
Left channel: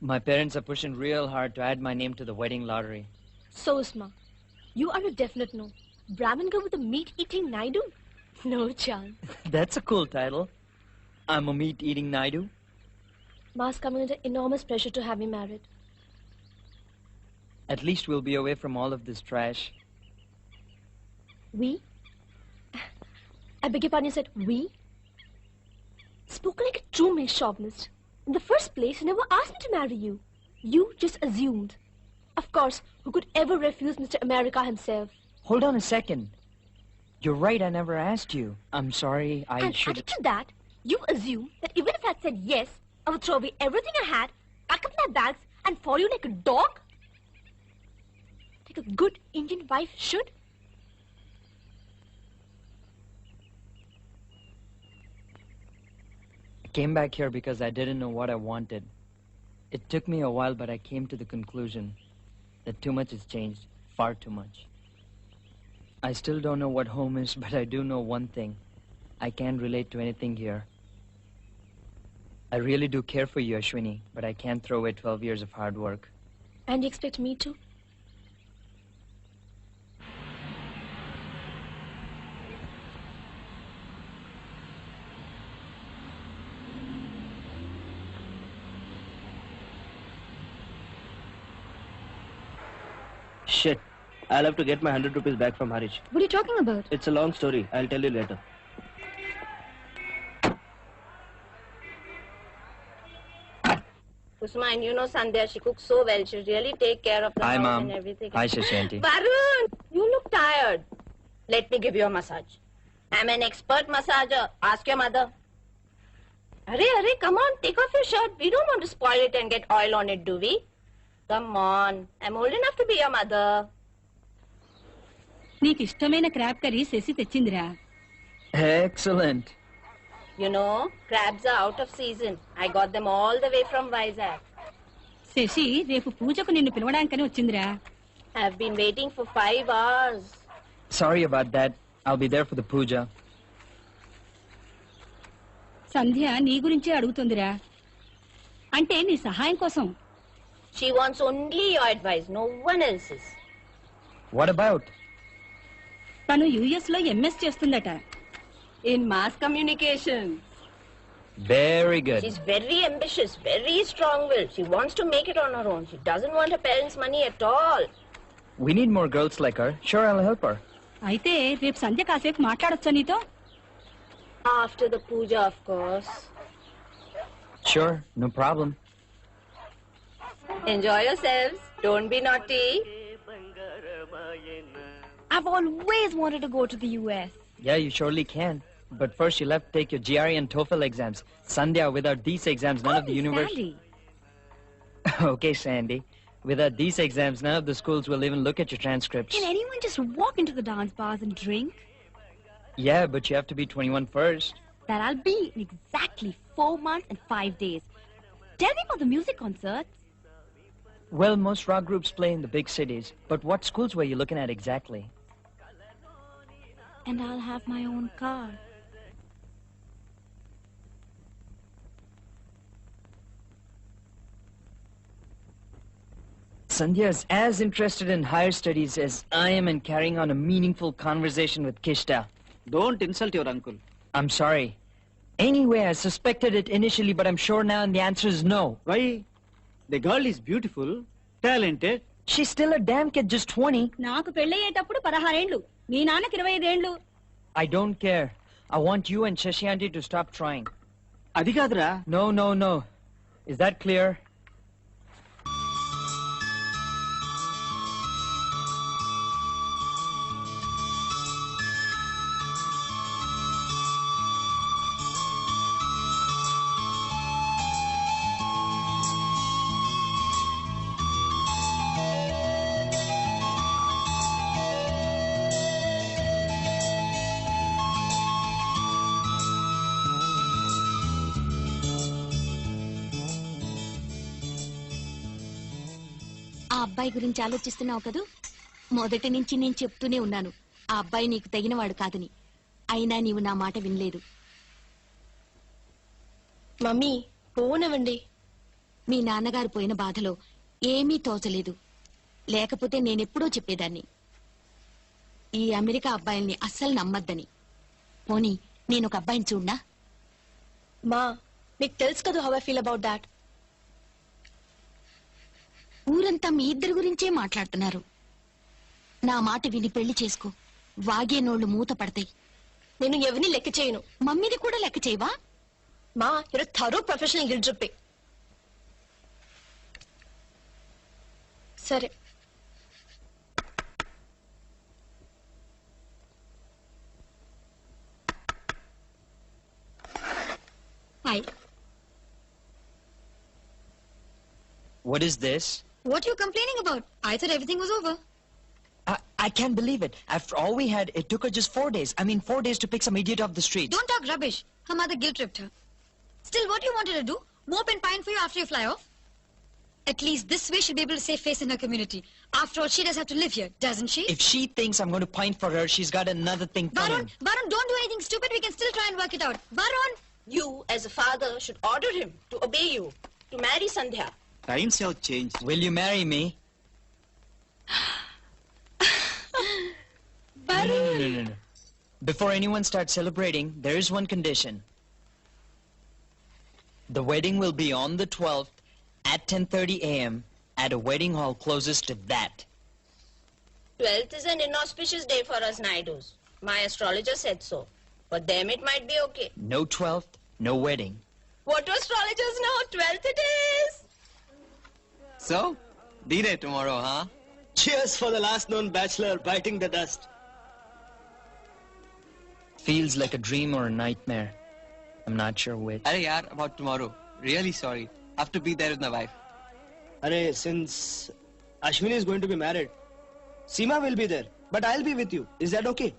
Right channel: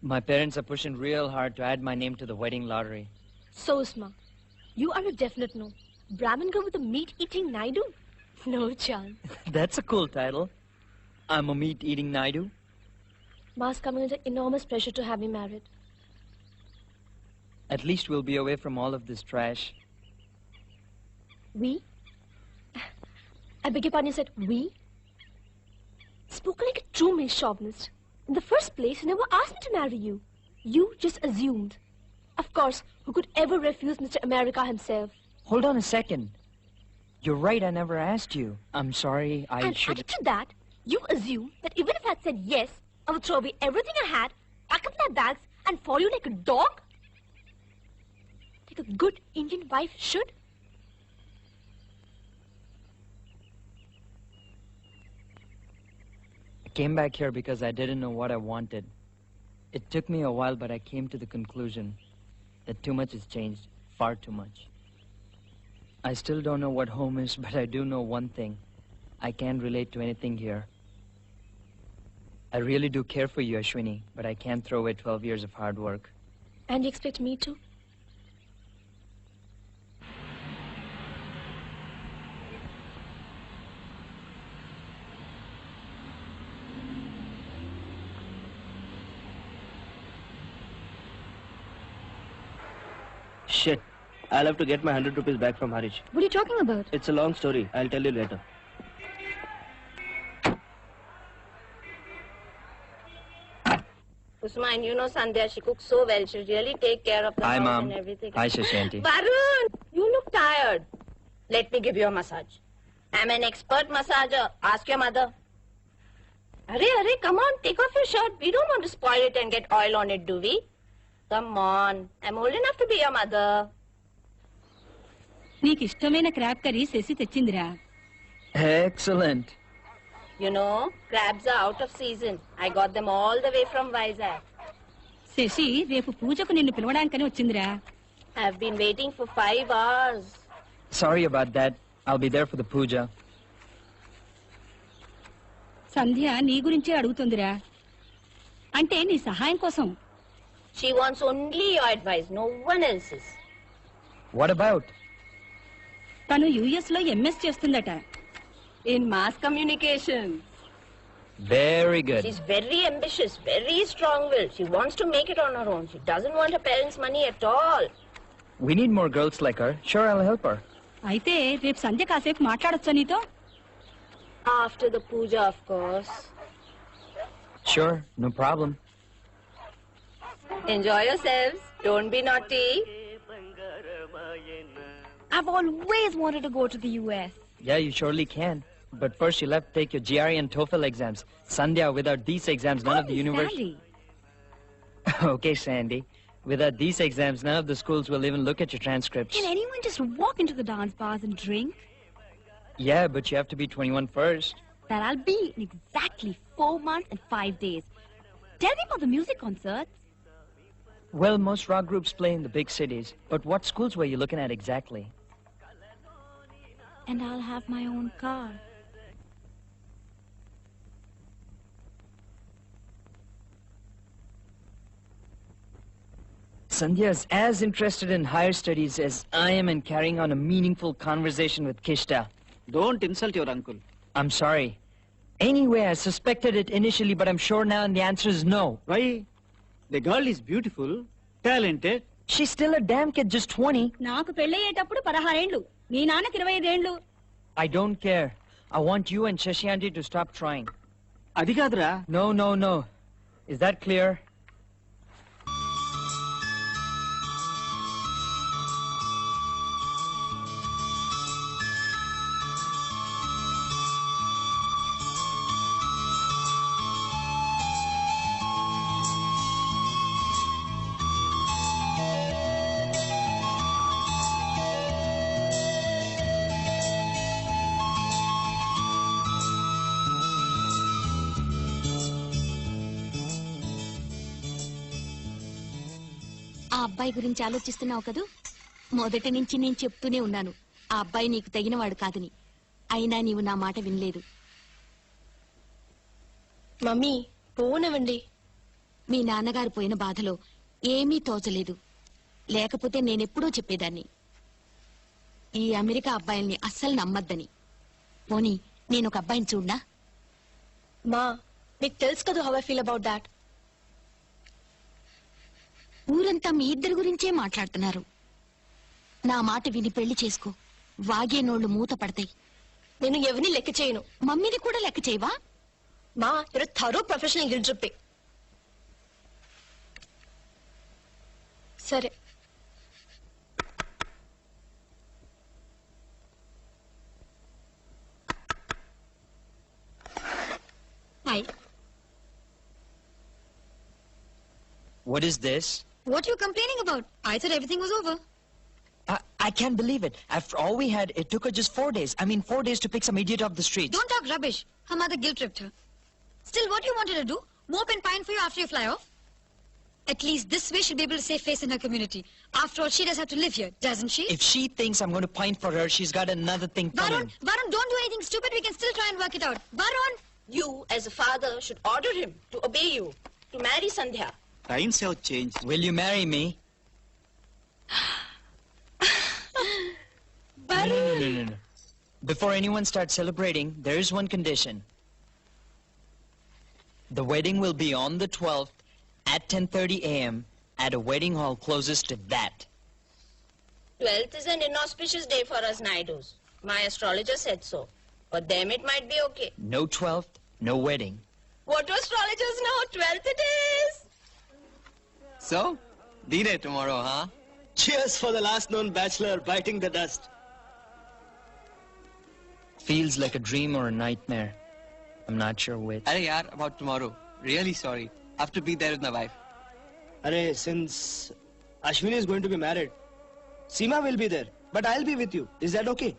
My parents are pushing real hard to add my name to the wedding lottery. So, Usma, you are a definite no. Brahmin girl with a meat-eating Naidu? No chance. That's a cool title. I'm a meat-eating Naidu. Ma's coming under enormous pressure to have me married. At least we'll be away from all of this trash. We? I beg your pardon, you said we? Spoken like a true male chauvinist. In the first place, you never asked me to marry you. You just assumed. Of course, who could ever refuse Mr. America himself? Hold on a second. You're right, I never asked you. I'm sorry, I And should... added to that, you assume that even if I had said yes, I would throw away everything I had, pack up my bags, and follow you like a dog? Like a good Indian wife should? I came back here because I didn't know what I wanted. It took me a while, but I came to the conclusion that too much has changed, far too much. I still don't know what home is, but I do know one thing. I can't relate to anything here. I really do care for you, Ashwini, but I can't throw away 12 years of hard work. And you expect me to? Shit. I'll have to get my 100 rupees back from Harish. What are you talking about? It's a long story. I'll tell you later. Kusma, and you know Sandhya, she cooks so well. She really take care of the Hi, house Mom. and everything. Hi, Shashanti. Varun, you look tired. Let me give you a massage. I'm an expert massager. Ask your mother. Hurry, come on, take off your shirt. We don't want to spoil it and get oil on it, do we? Come on. I'm old enough to be your mother. నీకు ఇష్టమైన crab curry చేసి తెచ్చిందిరా. Excellent. You know, crabs are out of season. I got them all the way from Vizag. Shashi రేపు పూజకు నిన్ను పిలవడానికని వచ్చిందిరా. I've been waiting for 5 hours. Sorry about that. I'll be there for the puja. సంధ్య నీ గురించే అడుగుతుందిరా. అంటే నీ సహాయం కోసం. She wants only your advice, no one else's. What about? తను యుఎస్ లో ఎంఎస్ చేస్తుందట. In mass communication. Very good. She's very ambitious, very strong-willed. She wants to make it on her own. She doesn't want her parents' money at all. We need more girls like her. Sure, I'll help her. అయితే రేపు సంధ్య కాసేపు మాట్లాడొచ్చా నీతో? After the puja, of course. Sure, no problem. Enjoy yourselves. Don't be naughty. I've always wanted to go to the US. Yeah, you surely can. But first you'll have to take your GRE and TOEFL exams. Sandhya, without these exams, none of the university... Okay, Sandy. Without these exams, none of the schools will even look at your transcripts. Can anyone just walk into the dance bars and drink? Yeah, but you have to be 21 first. That I'll be in exactly 4 months and 5 days. Tell me about the music concerts. Well, most rock groups play in the big cities. But what schools were you looking at exactly? And I'll have my own car. Sandhya is as interested in higher studies as I am in carrying on a meaningful conversation with Kishta. Don't insult your uncle. I'm sorry. Anyway, I suspected it initially, but I'm sure now the answer is no. Why? The girl is beautiful, talented. She's still a damn kid, just 20. నాకు పెళ్ళయ్యేటప్పుడు 16 ఏళ్ళు. నీ నాన్నకి 25 ఏండ్లు. I don't care. I want you and Shashi aunty to stop trying. అది కాదురా. No, no, no. Is that clear? ఆ అబ్బాయి గురించి ఆలోచిస్తున్నావు కదూ? మొదటి నుంచి నేను చెప్తూనే ఉన్నాను, ఆ అబ్బాయి నీకు తగినవాడు కాదని. అయినా నీవు నా మాట వినలేదు. మమ్మీ పోనవండి. మీ నాన్నగారు పోయిన బాధలో ఏమీ తోచలేదు. లేకపోతే నేనెప్పుడూ చెప్పేదాన్ని ఈ అమెరికా అబ్బాయిల్ని అస్సలు నమ్మద్దని. పోనీ నేను ఒక అబ్బాయిని చూడ్డా? మా మీకు తెలుసు కదా how I feel about that. ఊరంతా మీ ఇద్దరి గురించే మాట్లాడుతున్నారు. నా మాట విని పెళ్లి చేసుకో. వాగే నోళ్లు మూత పడతాయి. నేను ఎవరిని లెక్క చేయను. మమ్మీని కూడా లెక్క చేయవా? మా you're a thorough professional guilt tripping. సరే Hi. What is this? What are you complaining about? I thought everything was over. I can't believe it. After all we had, it took her just 4 days. I mean, 4 days to pick some idiot off the street. Don't talk rubbish. Her mother guilt tripped her. Still, what do you want her to do? Mope and pine for you after you fly off? At least this way she'll be able to save face in her community. After all, she does have to live here, doesn't she? If she thinks I'm going to pine for her, she's got another thing coming. Varun, don't do anything stupid. We can still try and work it out. Varun! you as a father should order him to obey you, to marry Sandhya. Times have changed. Will you marry me? No. Before anyone starts celebrating, there is one condition. The wedding will be on the 12th at 10:30 a.m. at a wedding hall closest to that. 12th is an inauspicious day for us Naidus. My astrologer said so. For them it might be okay. No 12th, no wedding. What do astrologers know? 12th it is! So, D-Day tomorrow, huh? Cheers for the last known bachelor biting the dust. Feels like a dream or a nightmare. I'm not sure which. Hey, yaar, about tomorrow. Really sorry. Have to be there with my wife. Arey, since Ashwini is going to be married, Seema will be there, but I'll be with you. Is that okay?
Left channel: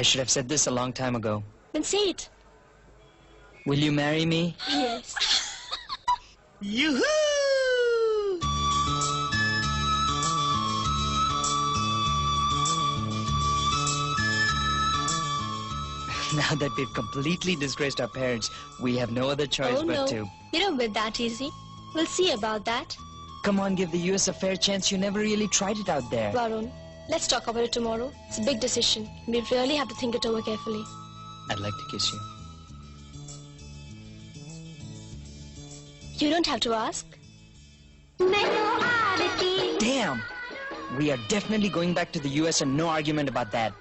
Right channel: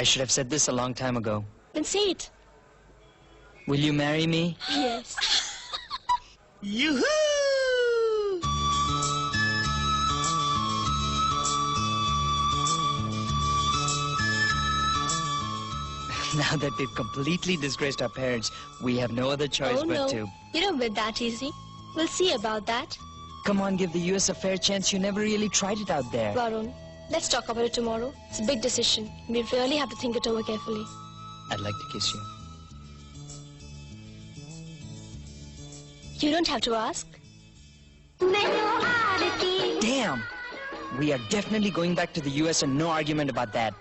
I should have said this a long time ago. Then say it. Will you marry me? Yes. Yoo-hoo! Now that we've completely disgraced our parents, we have no other choice Oh but no, to. you don't win that easy. We'll see about that. Come on, give the US a fair chance. You never really tried it out there. Varun, let's talk about it tomorrow. It's a big decision. We really have to think it over carefully. I'd like to kiss you. You don't have to ask. Damn! We are definitely going back to the US and no argument about that.